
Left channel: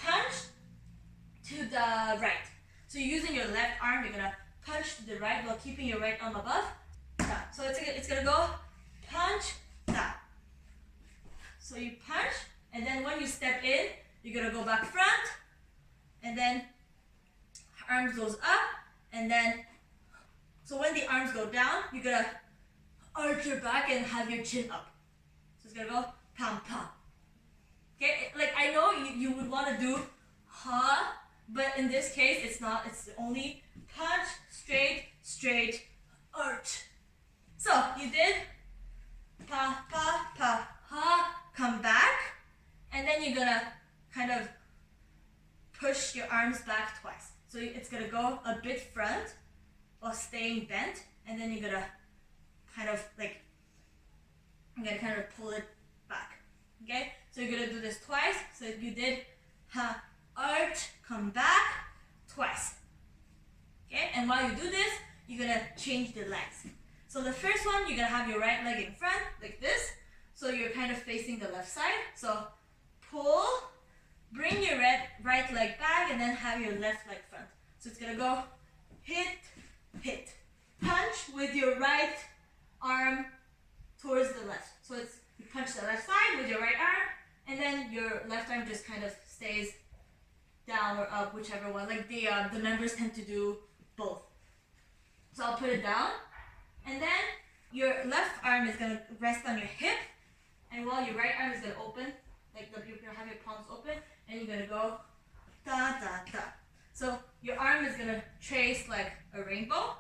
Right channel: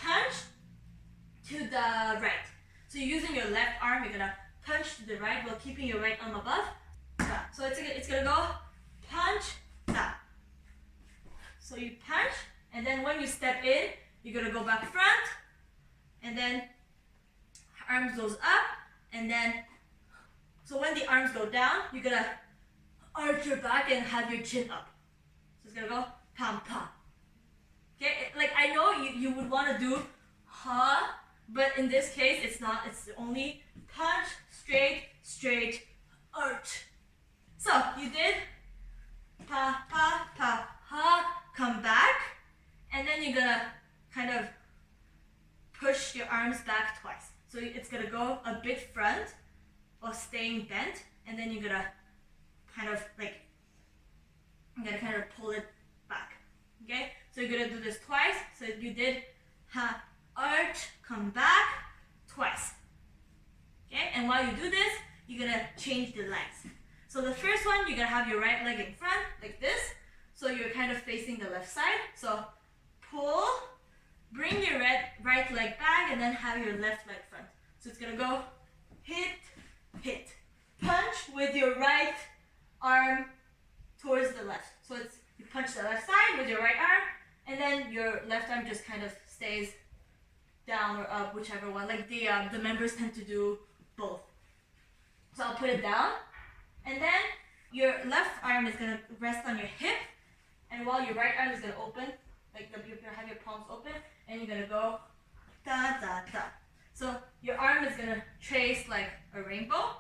punch to the right. So you're using your left arm, you're gonna punch to the right while keeping your right arm above. So it's gonna go punch, da. So you punch, and then when you step in, you're gonna go back front, and then arms goes up, and then, so when the arms go down, you're gonna arch your back and have your chin up. So it's gonna go pam pam. Okay, like I know you would want to do ha, but in this case it's not, it's only punch, straight, straight, arch. So you did pa pa pa ha, come back, and then you're gonna kind of push your arms back twice. So it's gonna go a bit front while staying bent, and then you're gonna kind of like, I'm gonna kind of pull it back. Okay, so you're gonna do this twice. So you did ha, arch, come back twice. Okay, and while you do this, you're gonna change the legs. So the first one, you're gonna have your right leg in front like this. So you're kind of facing the left side. So pull, bring your right leg back, and then have your left leg front. So it's gonna go hit, hit, punch with your right arm towards the left. So it's, you punch the left side with your right arm, and then your left arm just kind of stays down or up, whichever one. Like the members tend to do both. So I'll put it down, and then your left arm is gonna rest on your hip, and while your right arm is gonna open, like you're gonna have your palms open, and you're gonna go da da da. So your arm is gonna trace like a rainbow.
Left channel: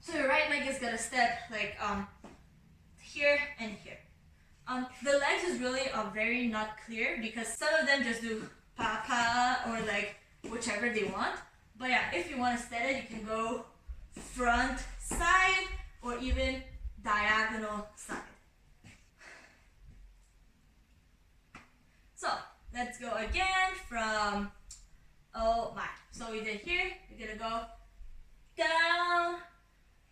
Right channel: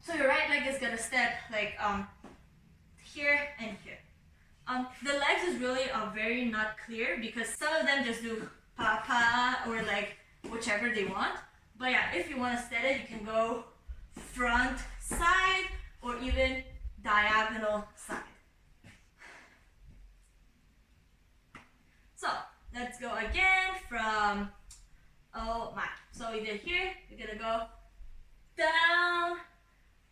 So your right leg is gonna step like here and here. The legs is really very not clear because some of them just do pa pa or like whichever they want. But yeah, if you want to set it, you can go front side or even diagonal side. So let's go again from oh my. So we did here, you're gonna go down,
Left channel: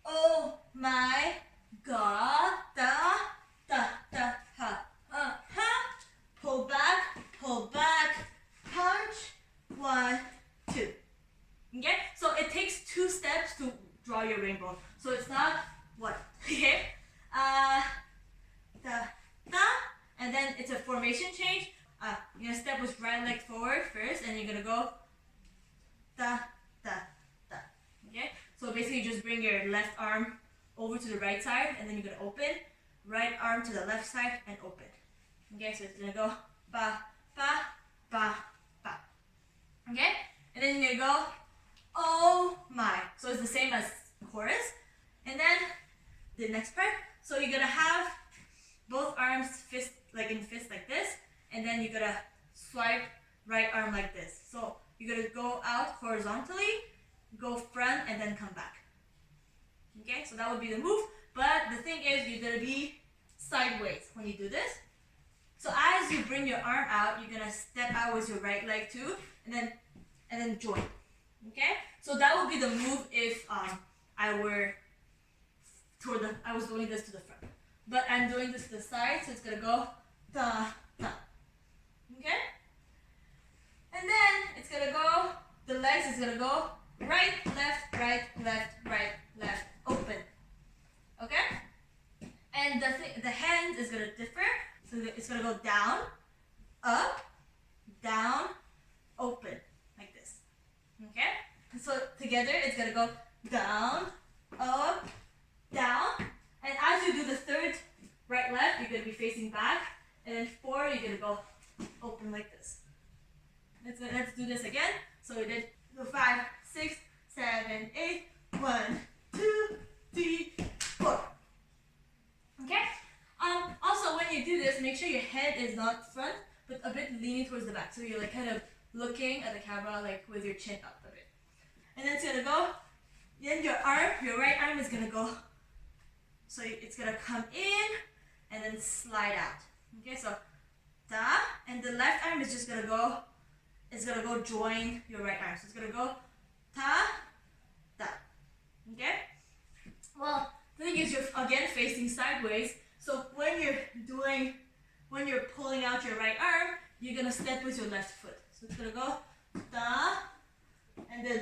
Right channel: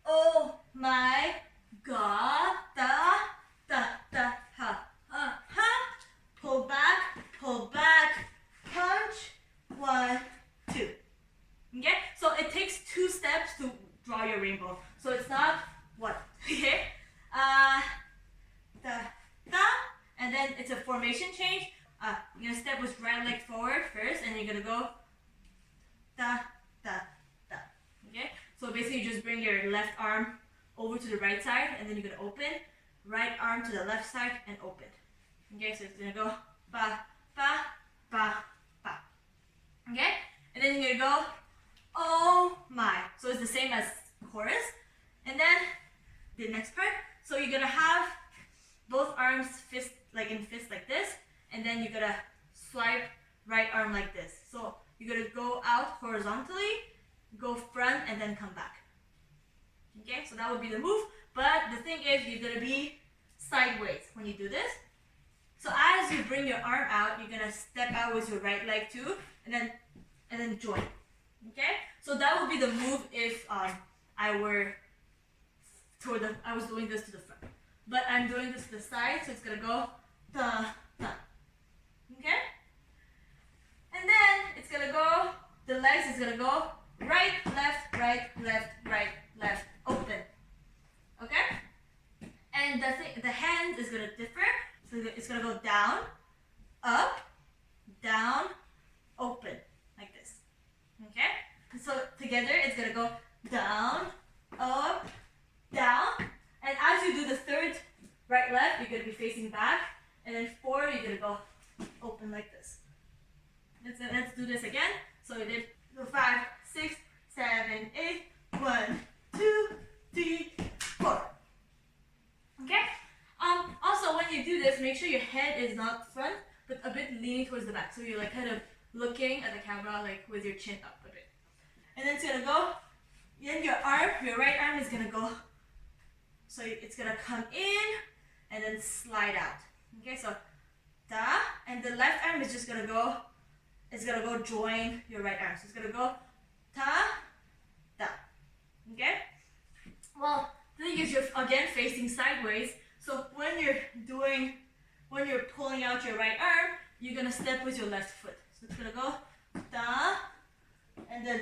oh my god, da da da ha ha, pull back, punch, 1, 2. Okay, so it takes 2 steps to draw your rainbow. So it's not what, okay, da da, and then it's a formation change. You're gonna step with right leg forward first, and you're gonna go da da da. Okay, so basically you just bring your left arm over to the right side, and then you're gonna open, right arm to the left side and open. Okay, so it's gonna go ba ba ba ba. Okay, and then you're gonna go oh my. So it's the same as chorus, and then the next part. So you're gonna have both arms fist like in fist like this, and then you're gonna swipe right arm like this. So you're gonna go out horizontally, go front, and then come back. Okay, so that would be the move. But the thing is, you're gonna be sideways when you do this. So as you bring your arm out, you're gonna step out with your right leg too, and then join. Okay, so that would be the move if I was doing this to the front, but I'm doing this to the side, so it's gonna go da da. Okay, and then it's gonna go. The legs is gonna go right, left, right, left, right, left, open. Okay, and the hands is gonna differ. So it's gonna go down, up, down, open, like this. Okay, and so together it's gonna go down, up, down, and as you do the third right, left, you're gonna be facing back, and then 4, you're gonna go open like this. Let's do this again. So we did 5, 6, 7, 8, 1, 2, 3, 4. Okay. Also, when you do this, make sure your head is not front, but a bit leaning towards the back. So you're like kind of looking at the camera, like with your chin up a bit. And then it's gonna go. Then your right arm is gonna go. So it's gonna come in and then slide out. Okay, so da, and the left arm is just gonna go. It's gonna go join your right arm. So it's gonna go ta, da. Okay? Well, the thing is, you're again facing sideways. So when you're pulling out your right arm, you're gonna step with your left foot. So it's gonna go da, and then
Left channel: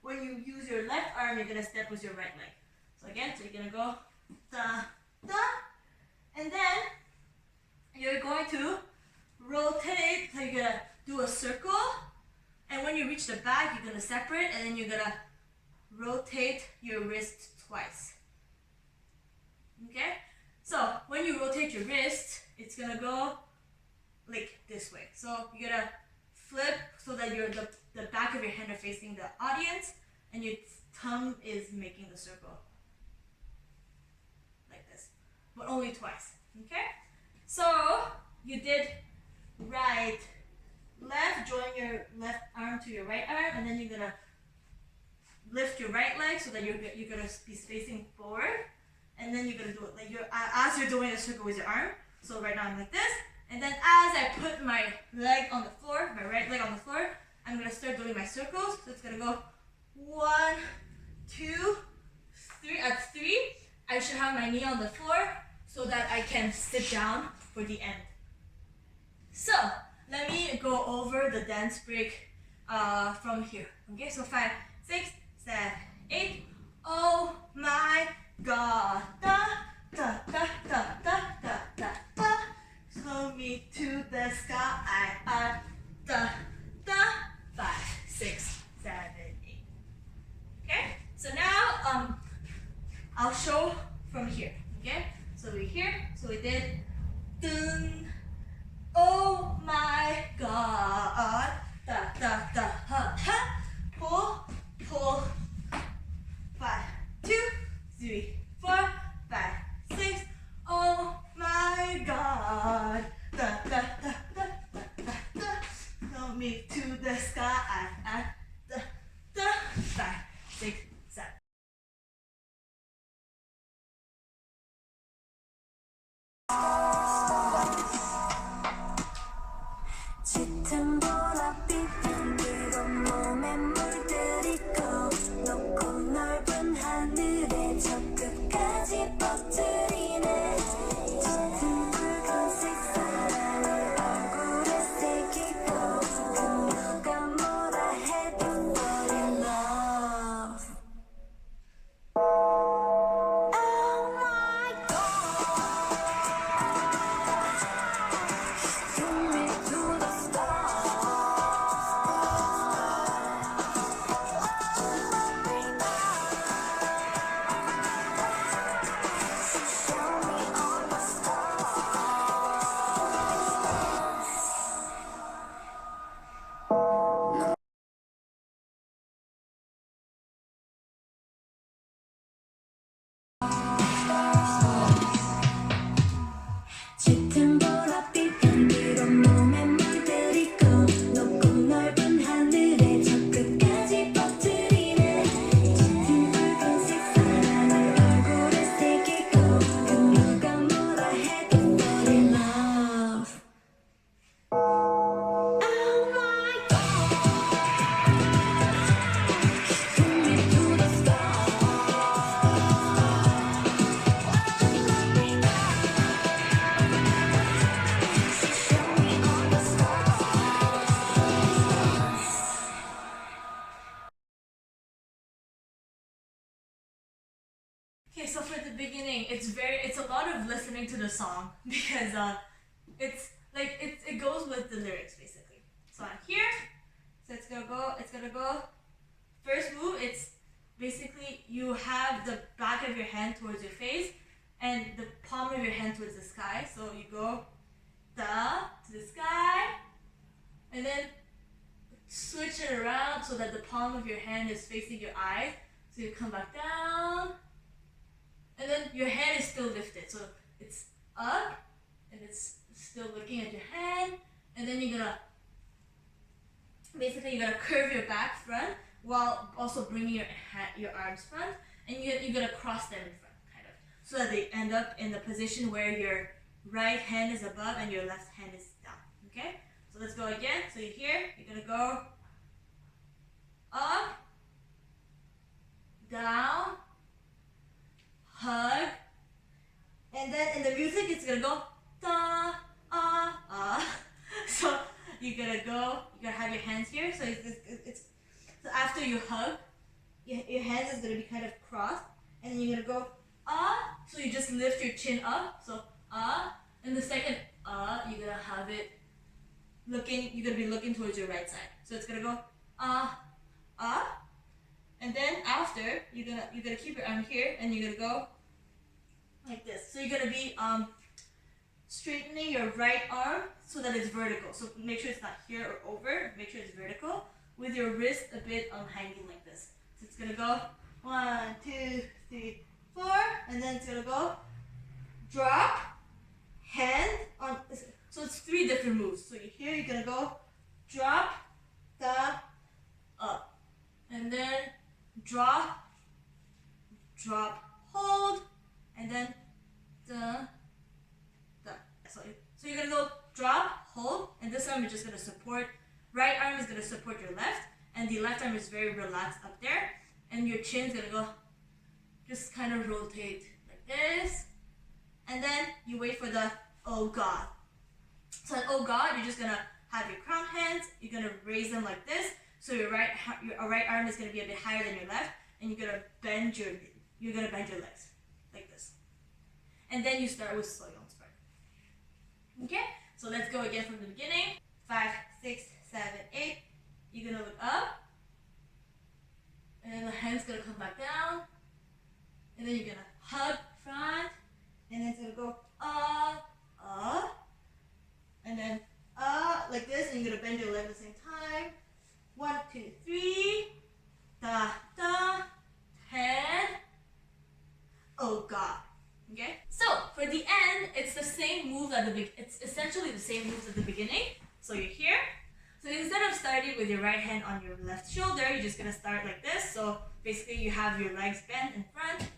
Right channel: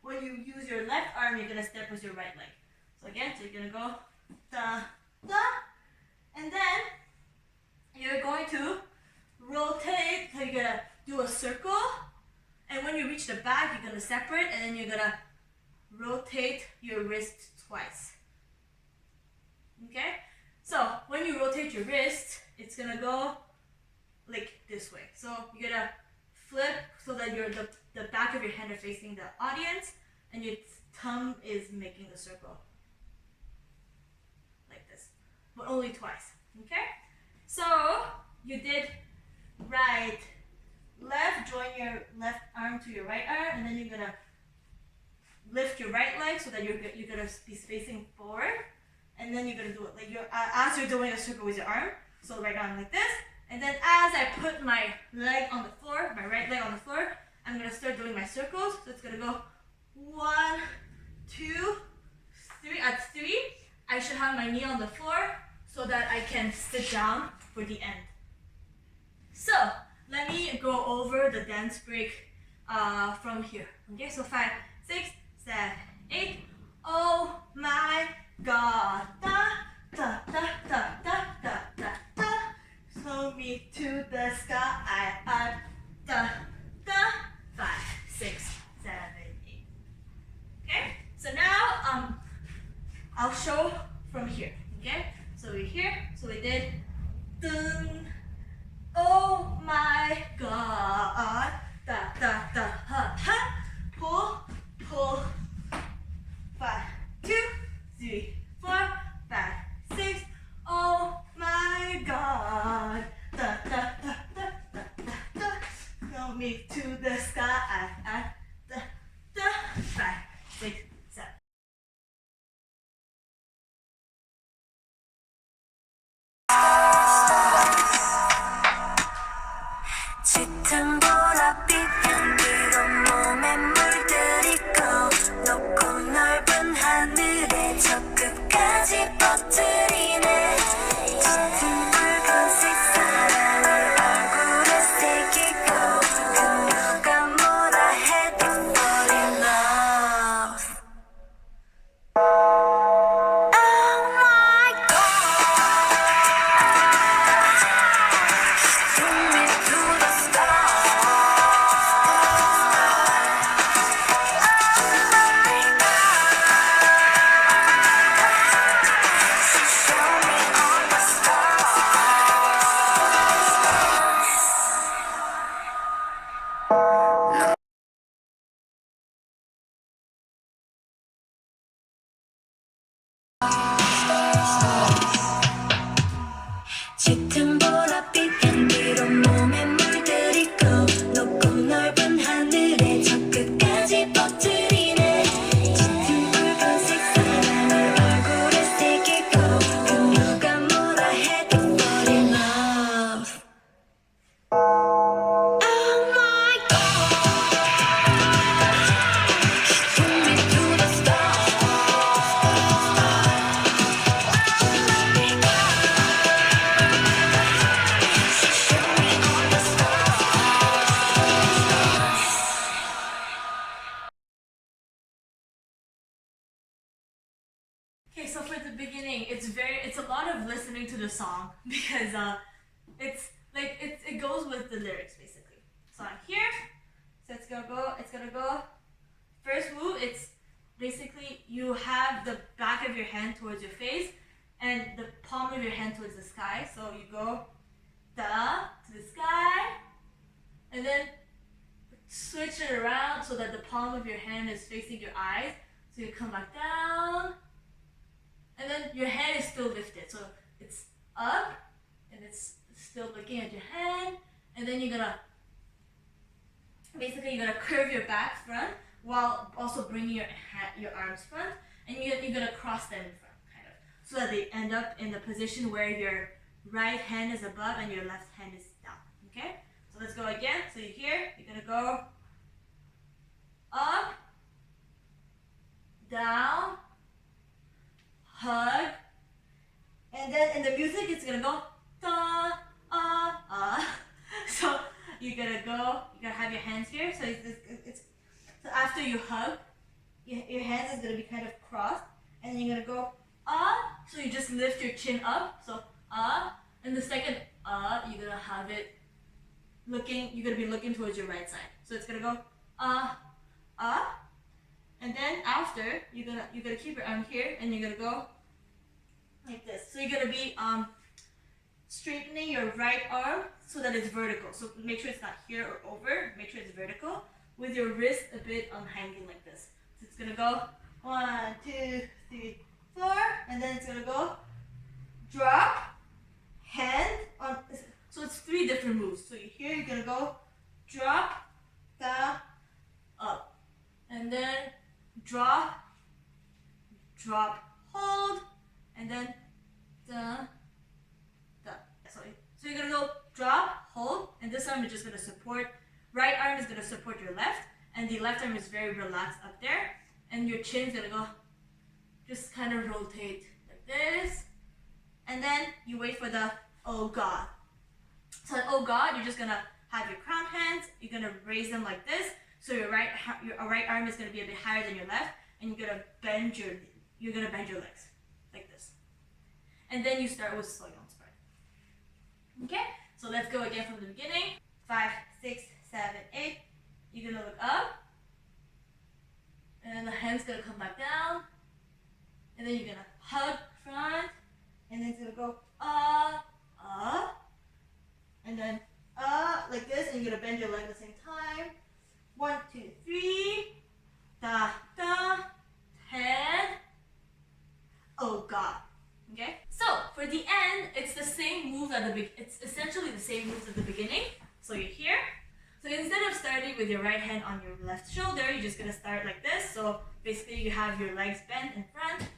when you use your left arm, you're gonna step with your right leg. So again, so you're gonna go da, da, and then you're going to rotate. So you're gonna do a circle, and when you reach the back, you're gonna separate, and then you're gonna rotate your wrist twice. Okay? So when you rotate your wrist, it's gonna go like this way. So you're gonna flip so that the back of your hand are facing the audience, and your thumb is making the circle. Like this. But only twice. Okay? So you did right, left, join your left arm to your right arm, and then you're gonna lift your right leg so that you're gonna be facing forward, and then you're gonna do it like as you're doing a circle with your arm. So right now I'm like this, and then as I put my leg on the floor, my right leg on the floor, I'm gonna start doing my circles. So it's gonna go 1, 2, 3. At 3, I should have my knee on the floor so that I can sit down for the end. So let me go over the dance break from here. Okay, so 5, 6, 7, 8. Oh my God. Da, da, da, da, da, da, da, da. Slow me to the sky. Da, da. 5, 6, 7, 8. Okay, so now I'll show from here. Okay, so we're here. So we did dun. Oh my God. Da, da, da, ha, ha. Pull, pull. 5, 2, 3, 4, 5, 6. Oh my God. Da, da, da, da, da, da, da. Throw me to the sky. Da, da. 5, 6, 7. 짙은 보랏빛 향기로 몸에 물들이고 높고 넓은 하늘에 저 끝까지 퍼뜨리네 짙은 붉은색 사랑을 얼굴에 새기고 그녀가 뭐라 해도 fall in love. Oh my God. Bring me to the stars. Show me all the stars. 짙은 보랏빛 향기로 몸에 물들이고 높고 넓은 하늘에 저 끝까지 퍼뜨리네 짙은 붉은색 사랑을 얼굴에 새기고 그녀가 뭐라 해도 fall in love. Oh my God. Bring me to the stars. Show me all the stars. Okay, so for the beginning, it's a lot of listening to the song because it's like it goes with the lyrics basically. So I'm here, so it's gonna go. First move, it's basically you have the back of your hand towards your face and the palm of your hand towards the sky. So you go da to the sky, and then switch it around so that the palm of your hand is facing your eyes. So you come back down, and then your hand is still lifted. So it's up, and it's still looking at your hand, and then you're gonna curve your back front while also bringing your arms front, and you're gonna cross them in front, kind of, so that they end up in the position where your right hand is above and your left hand is down. Okay, so let's go again. So you're here, you're gonna go up, down, gonna go da So you're gonna have your hands here. So so after you hug, your hands is gonna be kind of crossed, and then you're gonna go so you just lift your chin up. So and the second you're gonna have it you're gonna be looking towards your right side. So it's gonna go and then after you're gonna keep your arm here, and you're gonna go like this. So you're gonna be straightening your right arm so that it's vertical. So make sure it's not here or over. Make sure it's vertical with your wrist a bit hanging like this. So it's gonna go 1, 2, 3, 4, and then it's gonna go drop, hand on. So it's 3 different moves. So here you're gonna go drop, up, and then drop, hold, and then So you're gonna go drop, hold, and this arm is just gonna support. Right arm is gonna support your left, and the left arm is very relaxed up there, and your chin's gonna go just kind of rotate like this, and then you wait for the oh god. So oh god, you're just gonna have your crown hands. You're gonna raise them like this. So your right arm is gonna be a bit higher than your left, and you're gonna bend your legs like this, and then you start with soyeon spread. Okay, so let's go again from the beginning. 5, 6, 7, 8. You're gonna look up, and then the hand's gonna come back down, and then you're gonna hug front, and then it's gonna go and then like this, and you're gonna bend your leg at the same time. 1, 2, 3, da, 10. Oh god. Okay. So for the end, it's the same moves at the it's essentially the same moves at the beginning. So you're here. So instead of starting with your right hand on your left shoulder, you're just gonna start like this. So basically, you have your legs bent in front,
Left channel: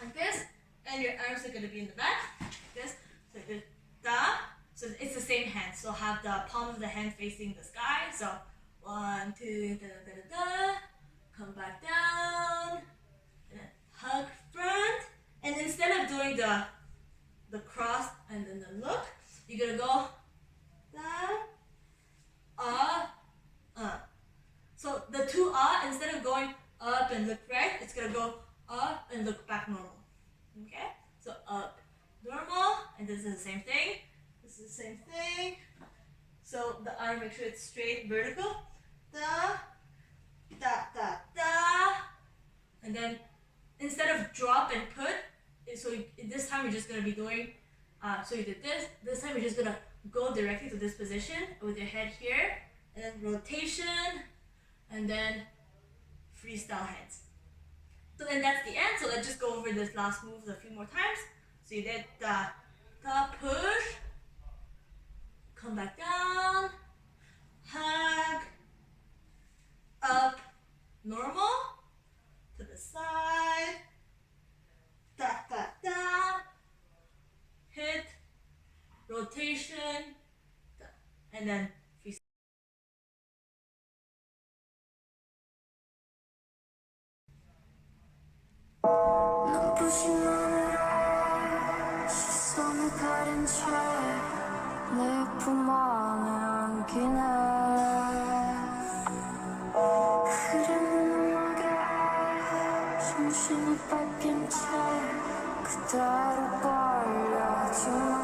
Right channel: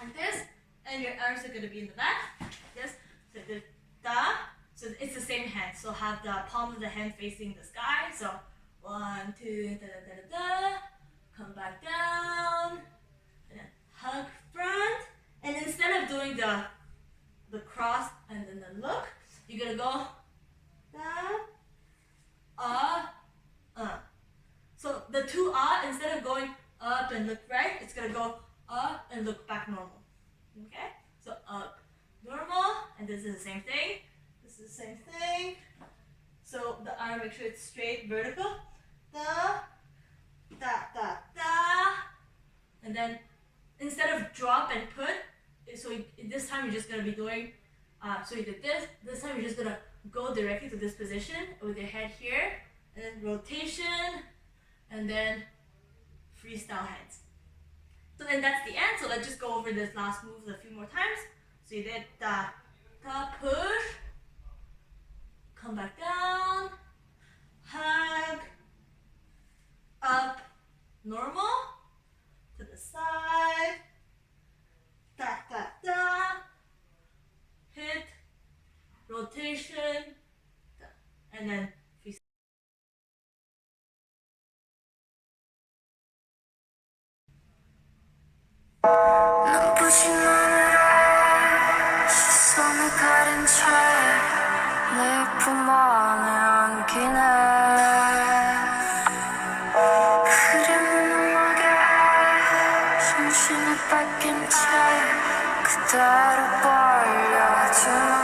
like this, and your arms are gonna be in the back, like this. So da. So it's the same hand. So have the palm of the hand facing the sky. So 1, 2, da da da da. Come back down, and then hug front. And instead of doing the cross and then the look, you're gonna go down, So the 2 instead of going up and look right, it's gonna go up and look back normal. Okay? So up, normal, and this is the same thing. This is the same thing. So the arm, make sure it's straight, vertical. Da, and then instead of drop and put, so this time you're just gonna be doing. So you did this. This time you're just gonna go directly to this position with your head here, and then rotation, and then freestyle hands. So then that's the end. So let's just go over this last move a few more times. So you did da push, come back down, hug, up, normal, to the side, hit, rotation, and then freestyle. 눈부신 하늘에 시선을 가린 채 내 품 안에 안기네 흐르는 음악에 정신을 뺏긴 채 그대로 벌려주네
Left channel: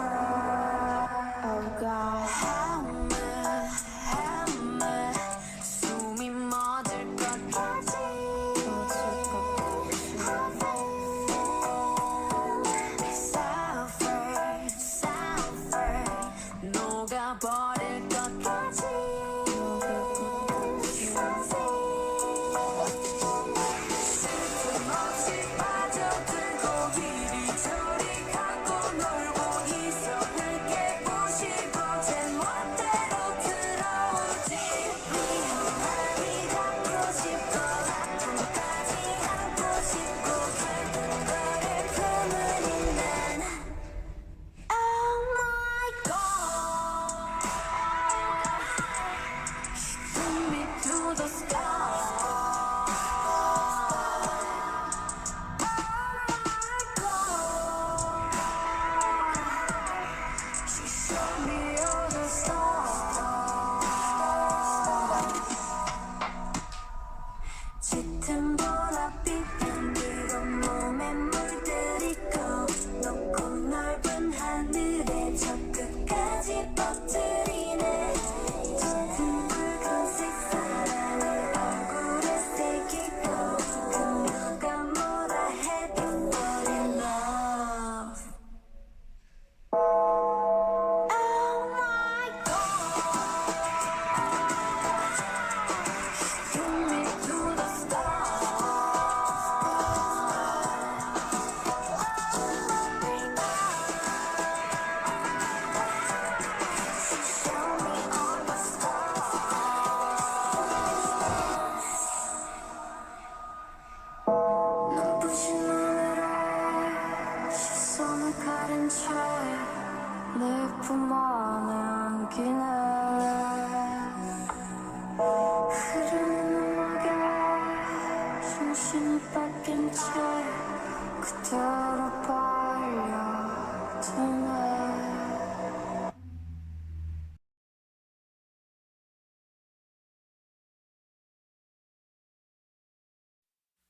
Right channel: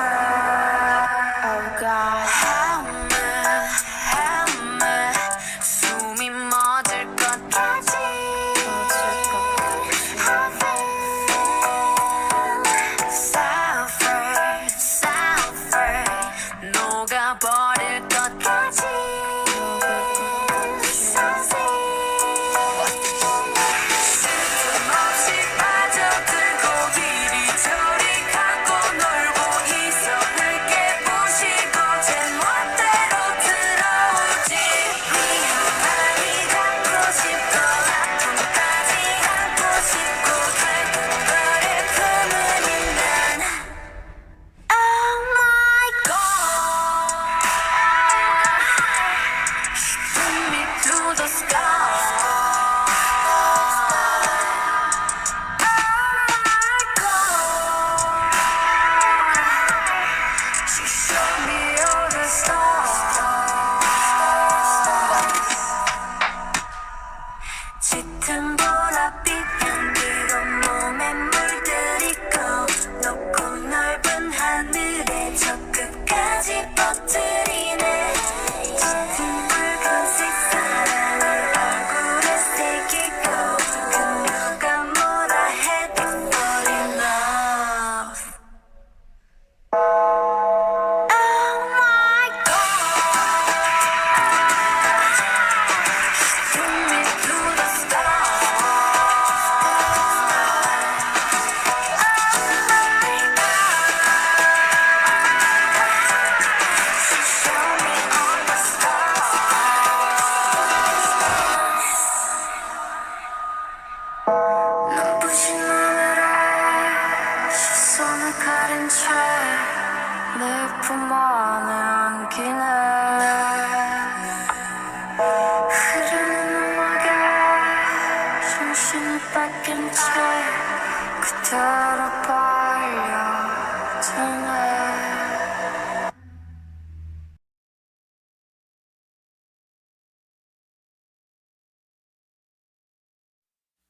Oh God help me 숨이 멎을 것까지 녹아버릴 것까지 쓸틈없이 빠져들고 이리저리 가고 놀고 있어 늦게 부시고 젠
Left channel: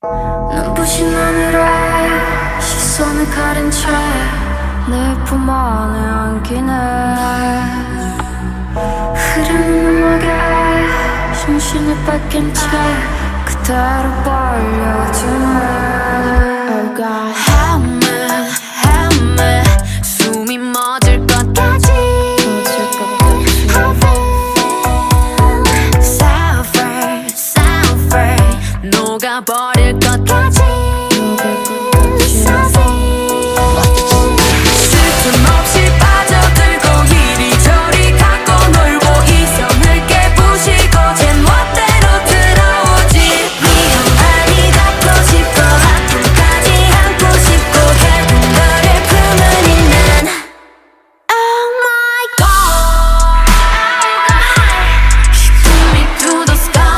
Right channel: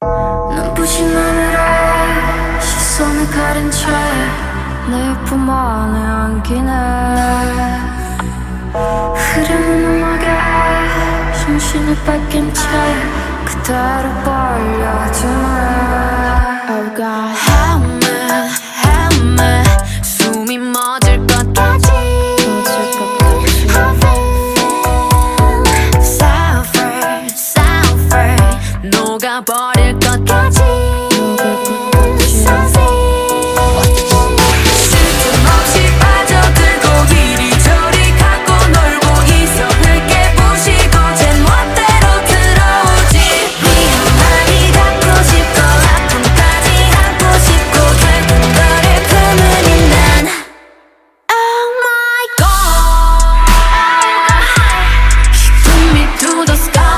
눈부신 하늘에 시선을 가린 채 내 품 안에 안기네 흐르는 음악에 정신을 뺏긴 채 그대로 빨려드네 Oh God Help me 숨이 멎을 것 같지 I feel suffer 녹아버릴 것 같지 쓸틈없이 빠져들고 이리저리 갖고 놀고 이성을 깨부시고 제 멋대로 들어오지 위험하니 닿고 싶고 아픔까지 안고 싶고 결국 너를 품으니 난 Oh my God She took me to the sky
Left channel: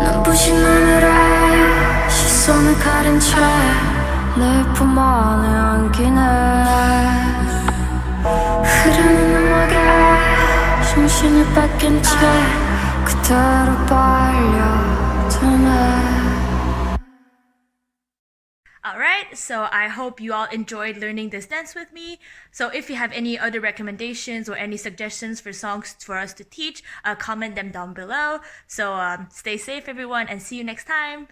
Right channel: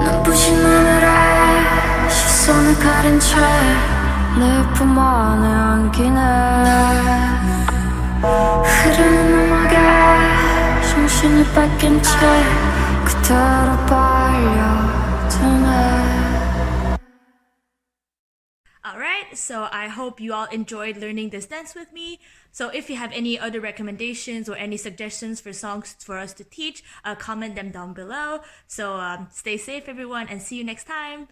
눈부신 하늘에 시선을 가린 채 내 품 안에 안기네 흐르는 음악에 정신을 뺏긴 채 그대로 빨려드네 Alright, so I hope you all enjoyed learning this dance with me. So if you have any other recommendations or any suggestions for songs for us to teach, comment them down below. So stay safe everyone and see you next time.